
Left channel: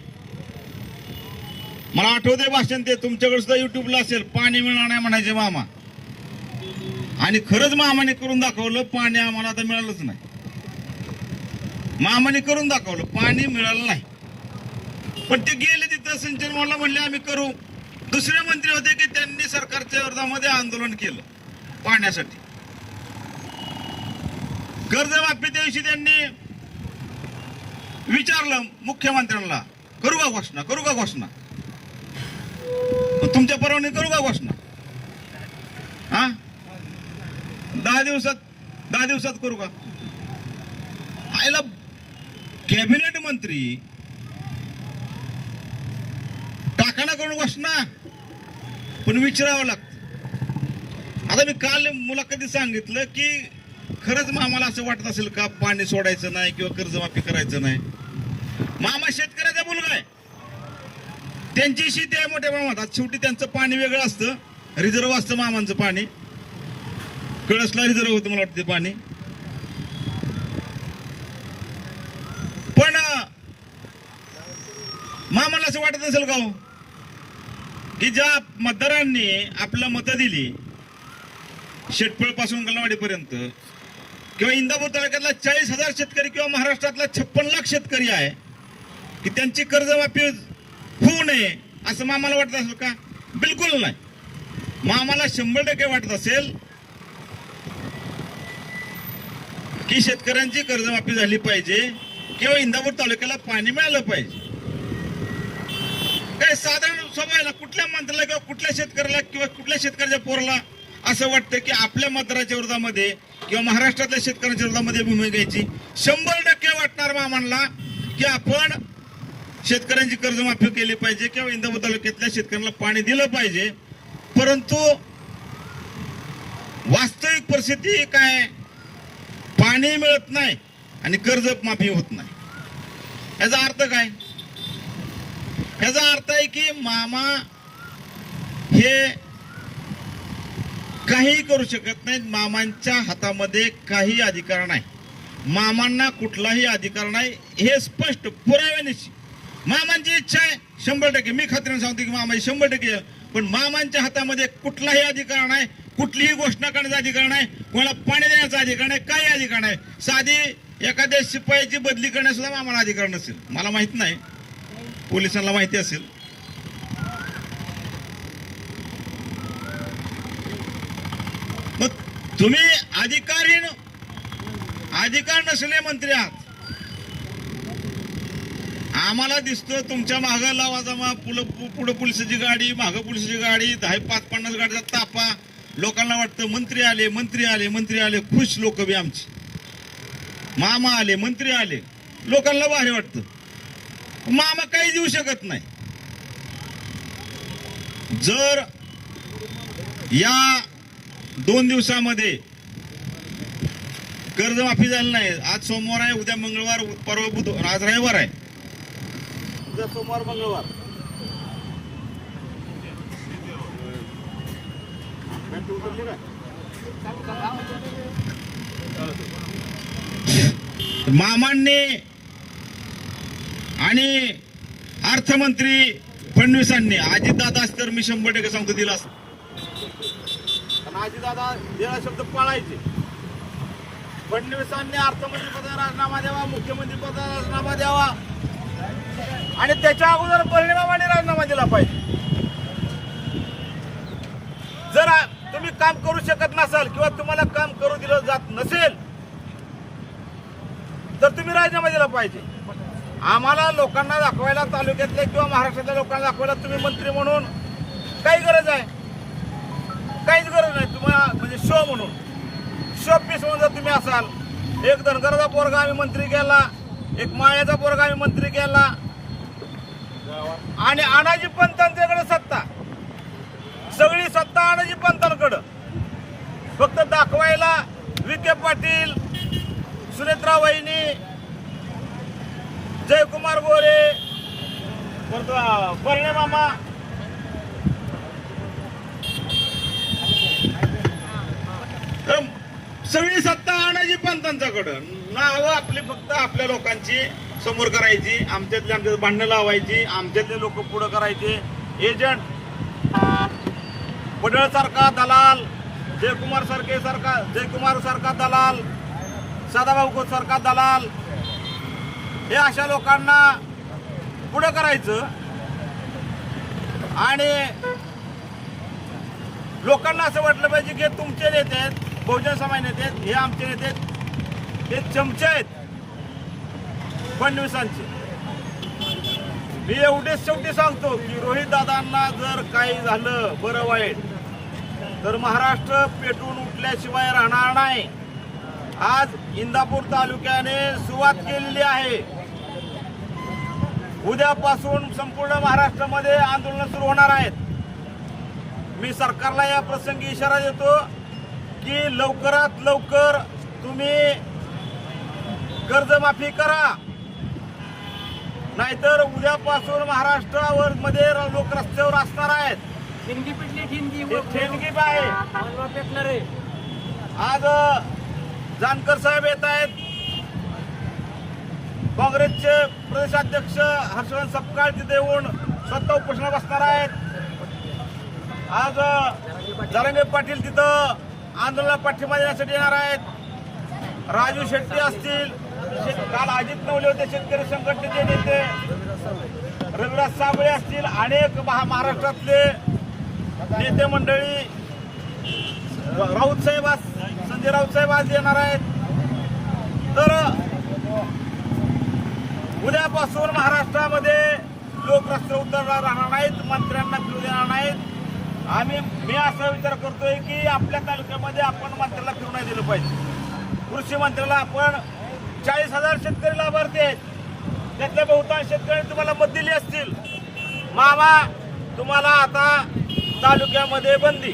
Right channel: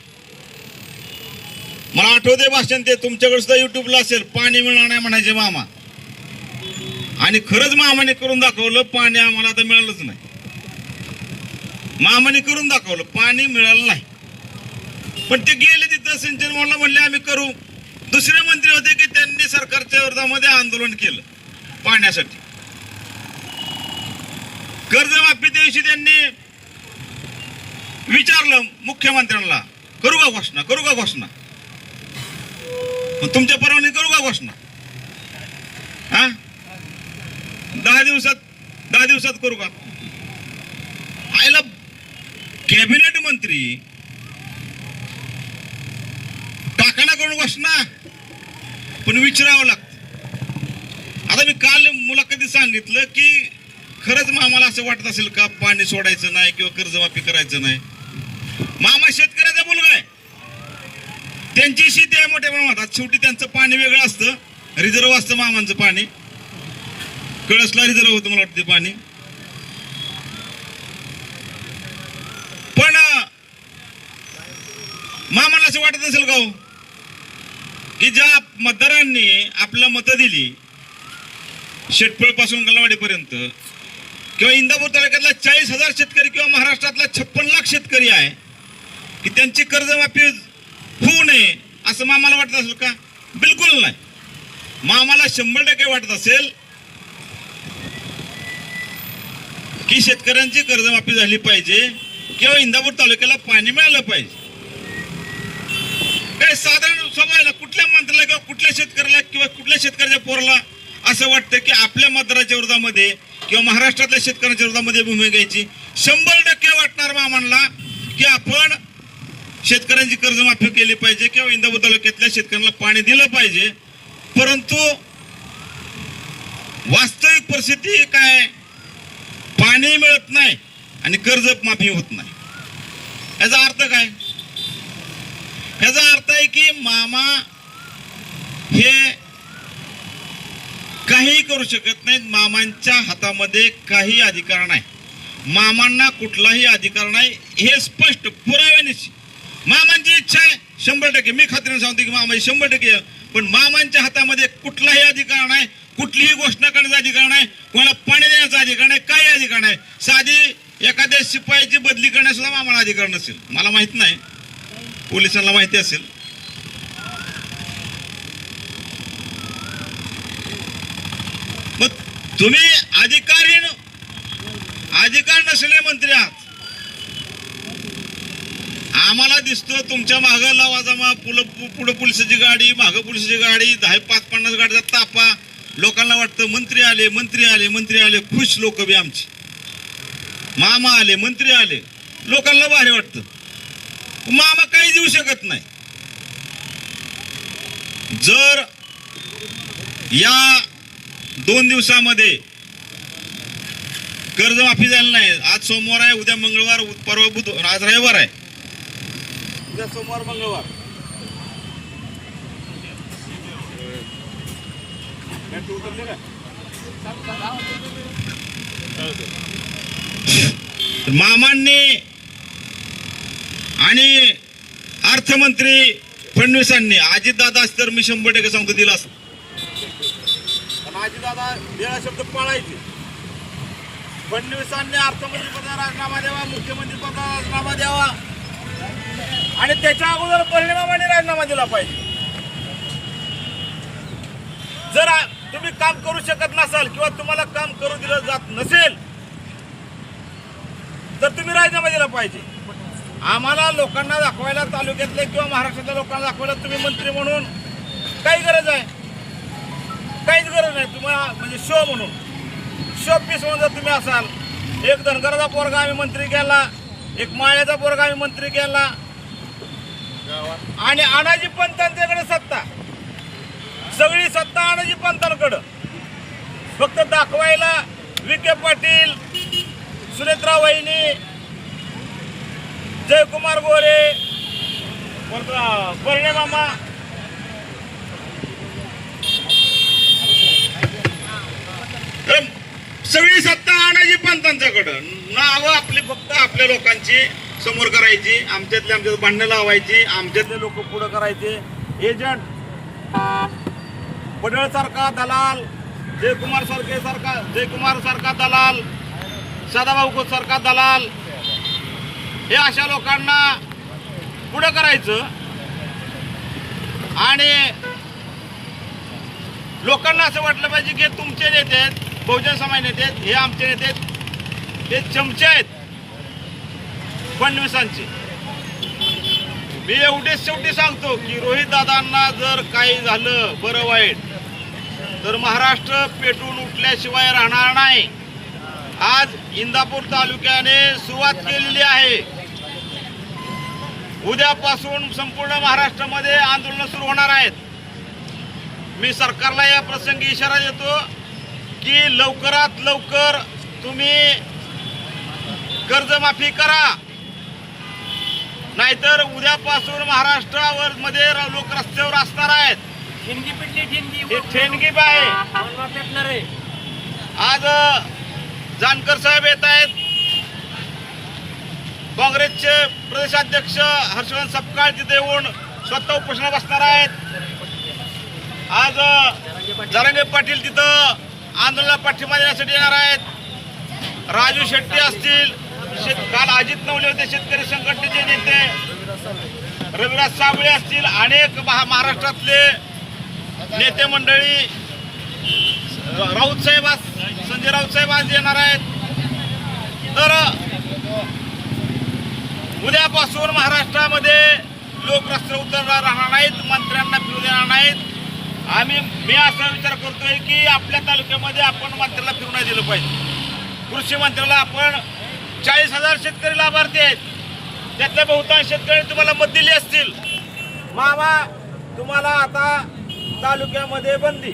मला आठवते भाषण ते तुमच्याकडे सुद्धा युट्यूबला असेल, पाणी मिळणार नाही म्हणायचे मामा. आणि खरंच मामाने करून दाखवलं, पाणी आम्हाला आता मिळालंच नाही. मामाने करून दाखवलं, पाणी मिळालं नाही. पण ते गेले तिथं सिंचन मोहनला म्हणले आम्ही करू. दुसरे मंत्री होते की त्यांनी सरकारच्या विरोधामध्ये आंदोलन केलं पाण्यासाठी. कर्जमाफी दिवशी त्यांनी विचारलं मुख्यमंत्र्यांना, करू का घोषणा, करू का घोषणा, तुमच्या परवानगी करू का घोषणा. हा 10 दिवसात करू का. आयला कॅबिनेट मंत्री टाकाणा करून घोषणा, पण विचारावं लागतं. आता मी काल मुलाखतीत सांगितलं की खरंच मामाला असं वाटत असेल का पाणी सोडायचं नाही किंवा कर्जमाफी करायचं नाही. मामा शेतकऱ्याचा मुलगा आहे, त्यांची शेती आहे मोठ्या प्रमाणात. शेवटी त्यांचं पाणी वेगळं असतं, रिझर्व असतं मामांचं पाणी. कळसला रिझर्व होतं मला वाटतं पाणी. पण मामाला असं वाटत असेल का हो की ज्या मतदारांनी आपला मतं दिली शेटपळ पासून गलवाडीपर्यंत किंवा इंदापूर तालुक्यातला 40,000 शेतकरी किंवा महाराष्ट्रातला 56 लाख शेतकरी आहे की त्यांची कर्जमाफी होऊ नये असं मामाला वाटत असेल का. बिलकुल नाही. मामाला 100% वाटत असेल की शेतकऱ्यांची कर्जमाफी झाली पाहिजे किंवा इंदापूर तालुक्याला पाणी मिळालं पाहिजे. काय साधारण स्वभाव आहे ना, कुठल्या मंत्र्याला किंवा कुठल्या शेतकऱ्याला किंवा कुठल्या शेतकऱ्याच्या पोराला असं वाटतं की आपल्या मतदाराच्या विरोधामध्ये किंवा महाराष्ट्रातल्या शेतकऱ्यांच्या विरोधामध्ये भूमिका घ्यायची. 100% वाटणार मामांना की आपण शेतकऱ्यांची कर्जमाफी केली पाहिजे किंवा इंदापूर तालुक्यातल्या शेतकऱ्यांना पाणी दिलं पाहिजे. परंतु वास्तविक परिस्थिती काय, पाणी मिळत नाही आणि कर्जमाफी होत नाही. याचा अर्थ काय, याचा अर्थ आहे की मामा हे काही करू शकत नाहीत. मामांच्या हातामध्ये काही अधिकार नाही. मामांना कुठलाही अधिकार नाही, हे स्पष्ट पुराव्यानिशी. मामांची इच्छा आहे 100%, मी खात्रीने सांगतो की मामाची 100%. पण मामांच्या हातामध्ये कुठलाही अधिकार नाही, कुठलीही घोषणा करण्याचा अधिकार नाही, कोणाला पाणी देण्याचा अधिकार नाही, काही अधिकार नाही. साधी एखाद्या शिपायाची बदली करण्यास सुद्धा मामाला अधिकार नसेल. मला माहित नाही, पोलिसांना माहिती असेल. मग तुम्ही अधिकार नसले मंत्री आहात. आम्हाला दिसतो तुमच्या मागं लावा जमा, पुढे पोलिसाची गाडी, मागं पोलिसाची गाडी, 10-50 गाडीचा तापा. लोकांना वाटतं मंत्री आले, मंत्री आले, मंत्री आले, खुश लोक बी आमची. मामा आले, मंत्री आले, लोकांना भारी वाटतं. मामा काही देऊ शकत नाही. जर या 2 दिवसामध्ये कर्जमाफी झाली नाही, आज सोमवार आहे, उद्या मंगळवार, परवा बुधवार, आज रविवार आहे, उद्या सोमवार मंगळवार, मामांनी आणि अर्थमंत्री फडणवीसांनी अजितदादा असतं तर मी 100% सांगतो दिला असतं. अजितदादा दिला शब्द पाळायचे. फडणवीसांनी अर्थमंत्री पदाला राजीनामा द्यावा, मुख्यमंत्री पदाला राजीनामा द्यावा आणि त्याच्या अगोदर परिणामाने राजीनामा दिला पाहिजे. जर तुम्ही काम करू शकत नसाल किंवा तुम्हाला काम करू दिलं जात नसेल तर तुम्ही राजीनामा दिला पाहिजे. आम्हाला लोकांना दाखवायला, तालुक्यातल्या किंवा महाराष्ट्रातल्या लोकांना दाखवायला तुम्ही मंत्री म्हणून काही गरज आहे, काहीच गरज नाही. तुम्हाला म्हणजे शो म्हणून, शो पीस म्हणून जर तुम्ही असाल, एक धनगराचा पोरगा आम्ही मंत्री केला, एक माळ्याचा पोरगा आम्ही मंत्री केला आणि अनाजी पंतांच्याकडे सत्ता, सगळी सत्ता अनाजी पंतांकडं. फक्त दाखवायला विखे पाटील, सुनेत्रा वहिनी, जयकुमार गोरे, परिणे मामा, सगळी सत्ता आणायची पंतांच्याकडं, नावं आपली फक्त आपल्या लोकांची समोर करायची, आमच्यात भांडणं लावायची, आमच्यातले लोक पुढं करायचे. एजंट पडळ सारखा दलाल, जयकुमार सारखा दलाल, सदाभाऊ खोत सारखा दलाल, हे अशा लोकांना पुढं करायचं आणि लोकांना असं वाटलं पाहिजे की तुमचे नेते आहेत, बहुजन समाज नेते आहेत, हे आमचे नेते आहेत, हे चमचे आहेत फडणवीसांचे. मी एवढेच शेवटी सांगतो की रोहित दादांना जर काही झालं बरं वाईट तर महाराष्ट्र पेटून उठल्याशिवाय राहणार नाही. आज इंदापूर तालुक्याने सुरुवात केलेली आहे. उद्यापासून संपूर्ण महाराष्ट्रामध्ये आंदोलन सुरू होणार आहेत. मी सरकारला या प्रसंगी इशारा देतो की लवकरात लवकर तुम्ही कर्जमाफी करा, नाहीतर उद्यापासून महाराष्ट्रावर मध्ये लोक रस्त्यावर असणार आहेत. हे ठेणगी आहे. आज जानकर साहेब येत आहेत, काँग्रेसचे प्रदेशाध्यक्ष हर्षवर्धन सपकाळ तिथे येऊन स्वतः उपोषणाला बसणार आहेत. आज जरांगे पाटील तिथं आंदोलनाला पाठिंबा देण्यासाठी येणार आहेत. राजू शेट्टी असतील, काल अजित नवले होते शेतकरी संघटनेचे नेते, रविराज साबळे असतील, अनेक महाराष्ट्रातले नेते मंडळी, संजय राऊत साहेब आज येणार आहेत. तर उद्यापासून महाराष्ट्रामध्ये लोक रस्त्यावर उतरणार राहणार नाहीत, मंत्र्यांना फिरू देणार नाहीत. मी असा विचार करतोय की आपल्या तालुक्यामध्ये आपण मंत्र्याला फिरू नाही दिलं पाहिजे. कृषी मंत्र्याला आपण 40,000 शेतकरी लाभार्थी आहेत, त्यातल्या बहुतांश शेतकरी तुम्हाला मत दिली असतील. मामा तुम्हाला आता तालुक्यामध्ये बंदी,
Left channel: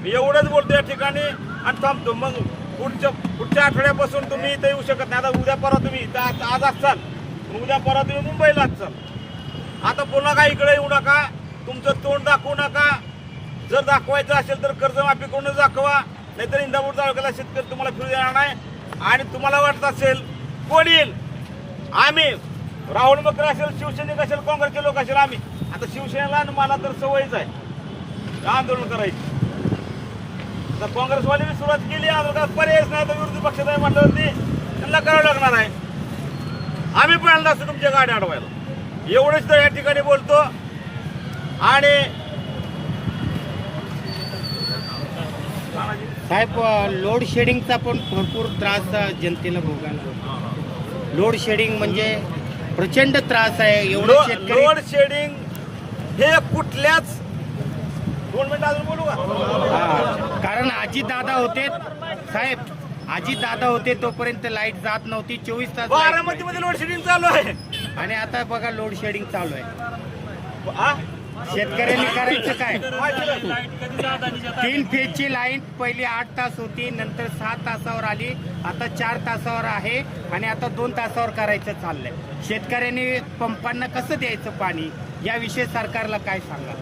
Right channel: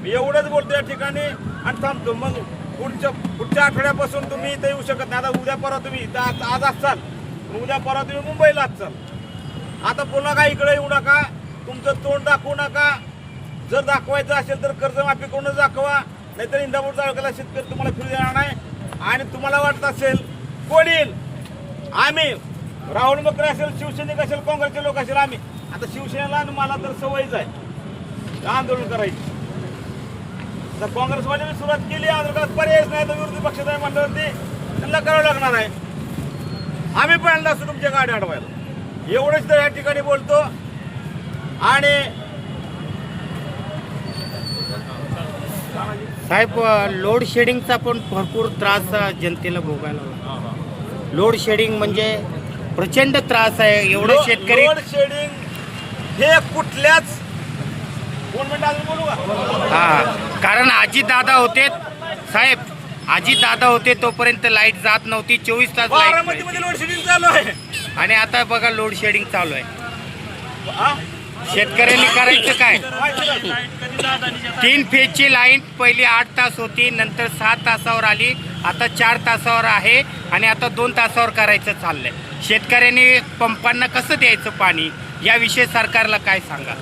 मी एवढंच बोलतो या ठिकाणी आणि थांबतो. मग पुढच्या आठवड्यापासून तुम्ही इथे येऊ शकत नाही. आता उद्या परवा तुम्ही आज असाल, उद्या परवा तुम्ही मुंबईला असाल. आता पुन्हा काय इकडे येऊ नका, तुमचं तोंड दाखवू नका. जर दाखवायचं असेल तर कर्जमाफी करूनच दाखवा, नाहीतर इंदापूर तालुक्याला शेतकरी तुम्हाला फिरू देणार नाही. आणि तुम्हाला वाटत असेल कोण येईल, आम्ही राहुल मकरे असेल, शिवसैनिक असेल, काँग्रेसचे लोक असेल, आम्ही आता शिवसेनेला आणि मला तर सवयच आहे आंदोलन करायची. तर काँग्रेसवाले सुरुवात केली आंदोलनात, पर्यायच नाही तर विरोधी पक्षात आहे म्हटल्यावरती त्यांना करावं लागणार आहे. आम्ही पहिल्यांदा असतो तुमच्या गाड्या अडवायला. एवढंच तर या ठिकाणी बोलतो. आणि साहेब, लोड शेडिंगचा पण भरपूर त्रास जनतेला भोगायला होतो. लोड शेडिंग म्हणजे प्रचंड त्रास आहे. एवढं शेतकरी लोड शेडिंग हे कुठल्याच 2 मिनिटं अजून बोलू का? हा, कारण आजीदादा होते साहेब, आजीदादा होते तोपर्यंत लाईट जात नव्हती. 24 तास बारामतीमध्ये लोड शेडिंग चालू आहे. आणि आता बघा लोड शेडिंग चालू आहे. हा? शेतकऱ्यांनी करायचं काय? 3 फेजची लाईन पहिली 8 तास होती, नंतर 7 तासावर आली, आता 4 तासावर आहे आणि आता 2 तासावर करायचं चाललंय. शेतकऱ्यांनी पंपांना कसं द्यायचं पाणी, याविषयी सरकारला काय सांगा?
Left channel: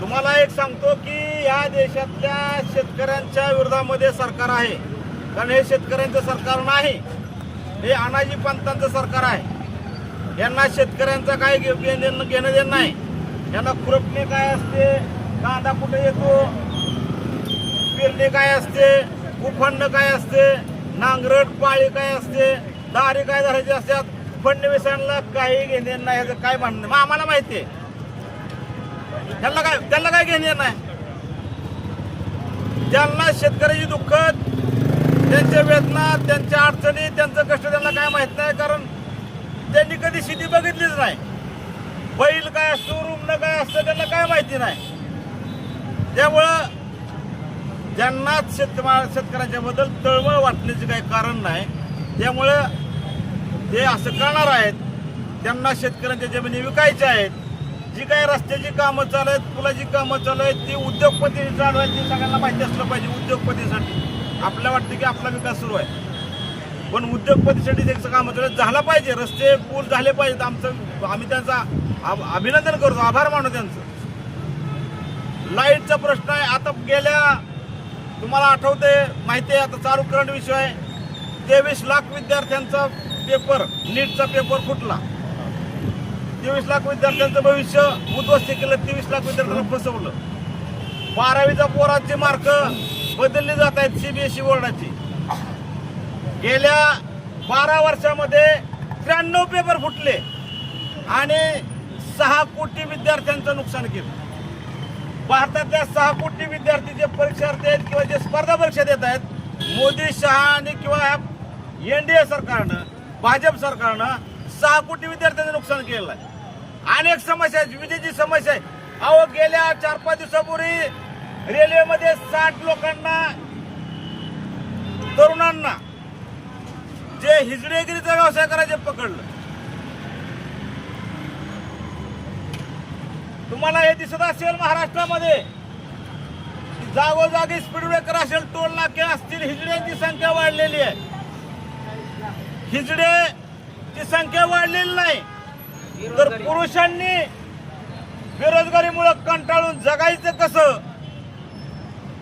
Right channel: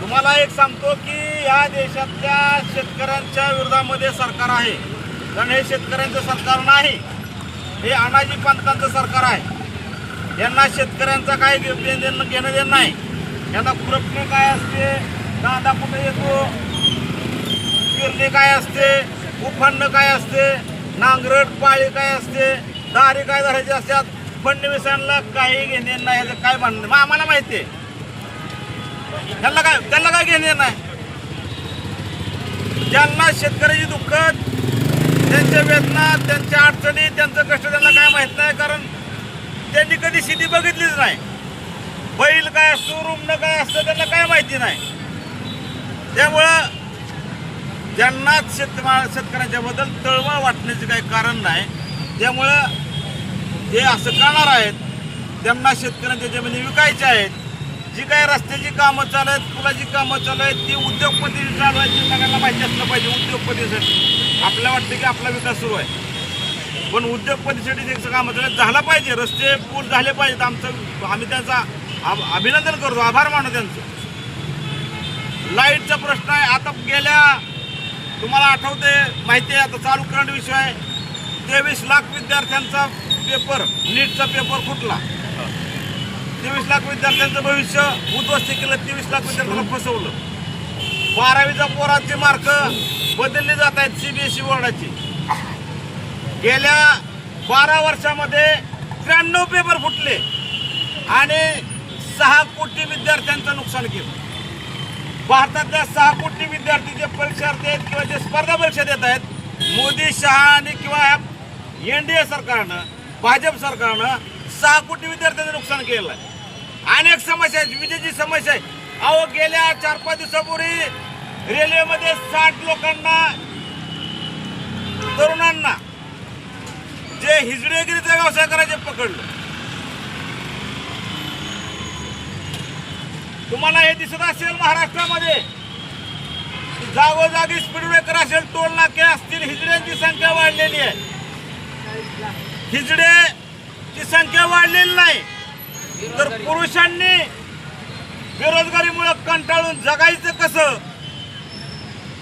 तुम्हाला एक सांगतो की या देशातल्या शेतकऱ्यांच्या विरोधामध्ये सरकार आहे. कारण हे शेतकऱ्यांचं सरकार नाही, हे अनाजी पंतांचं सरकार आहे. यांना शेतकऱ्यांचा काय घेणं देणं नाही. यांना खुरपणे काय असते, कांदा कुठे येतो, पेरणे काय असते, उफणणं काय असते, नांगरट पाळी काय असते, दारी काय धरायचे असतात. फडणवीसांना काही घेणं नाही, ह्याचं काय म्हणणं मग आम्हाला माहिती आहे. त्यांना काय घेणं नाही. ज्यांना शेतकऱ्याची दुःख, त्यांच्या वेदना, त्यांच्या अडचणी, त्यांचं कष्ट त्यांना काय माहित नाही. कारण त्यांनी कधी शेती बघितलीच नाही. बैल काय असतो, रुग्ण काय असतं त्यांना काय माहिती नाही. त्यामुळं ज्यांनाच शेतकऱ्यांच्या बद्दल तळमळ वाटण्याचे काही कारण नाही. त्यामुळं हे असं करणार आहेत. त्यांना शेतकऱ्यांच्या जमिनी विकायच्या आहेत. जी काय रस्त्याची कामं चालू आहेत, पुलाची कामं चालू आहेत, ती उद्योगपती चालवायची सगळ्यांना माहिती असलं पाहिजे. उद्योगपतीसाठी आपल्याला वाटतं की आपला विकास सुरू आहे, पण उद्योगपतीसाठी त्यांचं कामं चालू झालं पाहिजे. रस्ते पूल झाले पाहिजेत. आम्ही त्यांचा अभिनंदन करतो, आभार मानतो त्यांचं. लाईटचा प्रश्न आहे. आता गेल्या तुम्हाला आठवते माहिती आहे, आता चालू करंट विषय आहे, 23 लाख विद्यार्थ्यांचा पेपर, नीटचा पेपर फुटला. 23 लाख विद्यार्थ्यांचं भविष्य उद्ध्वस्त केलं, 23 लाख विद्यार्थ्यांना फसवलं. 12वीचा पोरांचे मार्क बदलले जात आहेत CBSE बोर्डाची. गेल्या 12 वर्षामध्ये 93 पेपर फुटले आणि 6 कोटी विद्यार्थ्यांचं नुकसान केलं. भारतातल्या 6 कोटी विद्यार्थी जे परीक्षार्थी आहेत किंवा जे स्पर्धा परीक्षा देत आहेत, मोदी, शहा आणि किंवा NDA सरकारनं, भाजप सरकारनं 6 कोटी विद्यार्थ्यांचं नुकसान केलं आहे. अनेक समस्या आहेत, विजेची समस्या आहे. अहो, गेल्या 4-5 दिवसापूर्वी रेल्वेमध्ये 60 लोकांना, तरुणांना जे हिजडेगिरीचा व्यवसाय करायचे पकडलं. तुम्हाला हे दिसत असेल महाराष्ट्रामध्ये जागोजागी स्पीड ब्रेकर असेल, टोल नाके असतील, हिजड्यांची संख्या वाढलेली आहे. हिजडेची संख्या वाढलेली नाही, तर पुरुषांनी बेरोजगारीमुळे कंटाळून जगायचं कसं,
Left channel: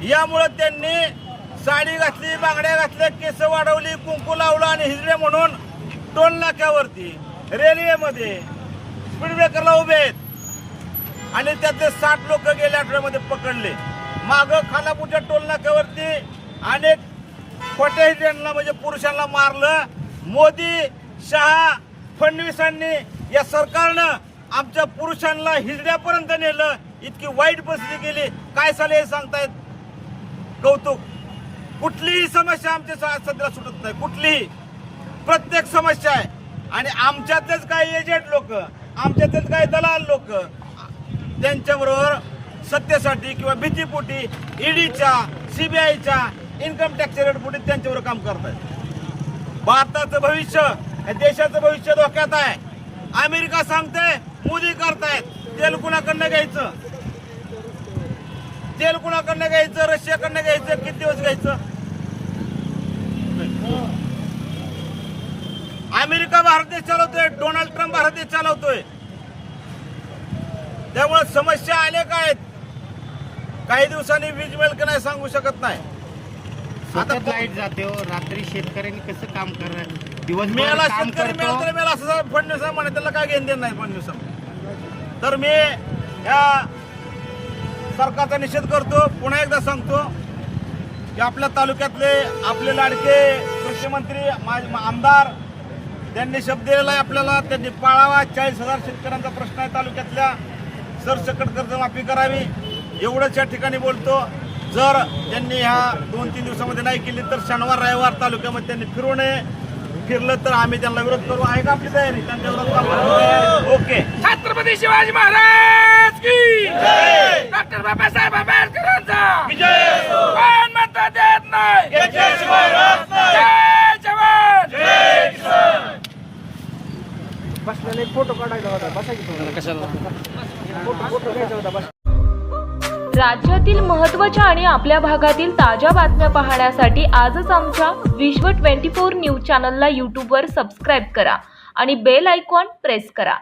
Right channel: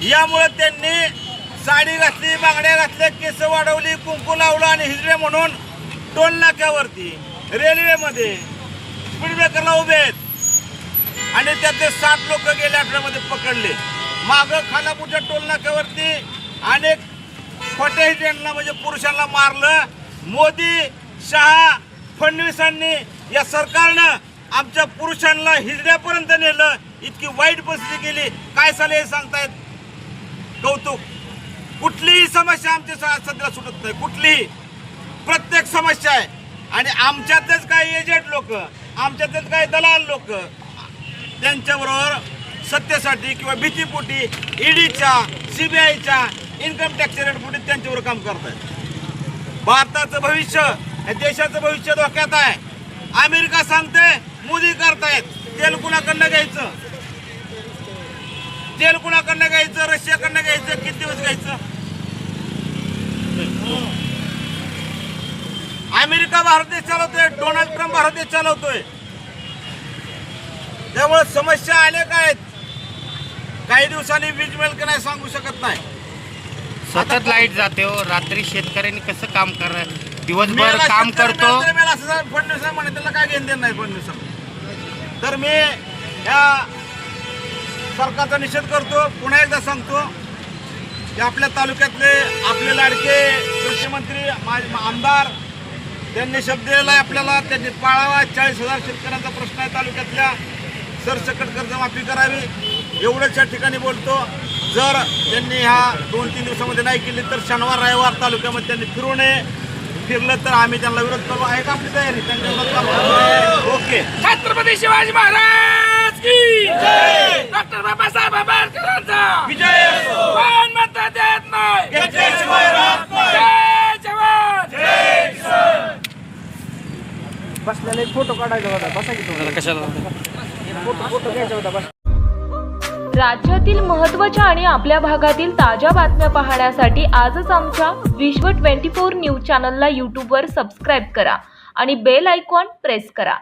यामुळे त्यांनी साडी घातली, बांगड्या घातल्या, केस वाढवली, कुंकू लावलं आणि हिजडे म्हणून टोल नाक्यावरती, रेल्वेमध्ये स्पीड ब्रेकरला उभे आहेत. आणि त्यातले 60 लोक गेल्या आठवड्यामध्ये पकडले. मागं खानापूरच्या टोल नाक्यावरती अनेक खोट्या हिजड्यांना म्हणजे पुरुषांना मारलं. मोदी, शहा, फडणवीसांनी, या सरकारनं आमच्या पुरुषांना हिजड्यापर्यंत नेलं. इतकी वाईट परिस्थिती केली. काय झाले हे सांगतायत, कौतुक. कुठलीही समस्या आमच्या सध्या सुटत नाही, कुठलीही. प्रत्येक समस्या आहे. आणि आमच्यातच काही एजंट लोक, आमच्यातच काही दलाल लोक त्यांच्याबरोबर सत्तेसाठी किंवा भीतीपोटी ईडीच्या, CBIच्या, इन्कम टॅक्स रेटपोटी त्यांच्याबरोबर काम करत आहेत. भारताचं भविष्य, देशाचं भविष्य धोक्यात आहे. अमेरिका सांगते, मोदी करतायत. तेल कुणाकडनं घ्यायचं, तेल कुणाकडनं घ्यायचं, रशियाकडनं घ्यायचं, किती दिवस घ्यायचं. अमेरिका भारत देश चालवतोय, डोनाल्ड ट्रम्प भारत देश चालवतोय. त्यामुळे समस्या अनेक आहेत. काही दिवसांनी वीज मिळेल की नाही सांगू शकत नाही. सतत लाईट जाते हो, रात्री शेतकऱ्यांनी कसं काम करणार, दिवसभर काम करतो. असं फडणवीस म्हणे, त्याला काय घेणं देणं नाही फडणवीस. तर मी या सरकारचा निषेध करतो. पुन्हा एकदा सांगतो की आपल्या तालुक्यातले आपले लाडके कृषीमंत्री आमदार, त्यांनी शब्द दिलेला आहे आपल्याला, त्यांनी पाळावा. 40,000 शेतकऱ्यांचा प्रश्न आहे तालुक्यातल्या. सरसकट कर्जमाफी करावी, एवढंच या ठिकाणी बोलतो. जर त्यांनी ह्या 2-3 दिवसामध्ये नाही केली तर शनिवार रविवार तालुक्यामध्ये त्यांनी फिरू नये. फिरलं तर आम्ही त्यांना विरोध करू. आहे का आपली तयारी त्यांच्या विरोधात? ओके. छत्रपती शिवाजी महाराज की जय, डॉक्टर बाबासाहेब आंबेडकरांचा विजय. कोण म्हणता देत नाही, जय जवान, जय किसान. बसलेले फोटो काढायचा होता, बसा की कशाला. राज्यातील महत्त्वाच्या आणि आपल्या भागातील ताज्या बातम्या पाहण्यासाठी आजच आमच्या विश्व 24 न्यूज चॅनलला यूट्यूबवर सबस्क्राईब करा आणि बेल आयकॉन प्रेस करा.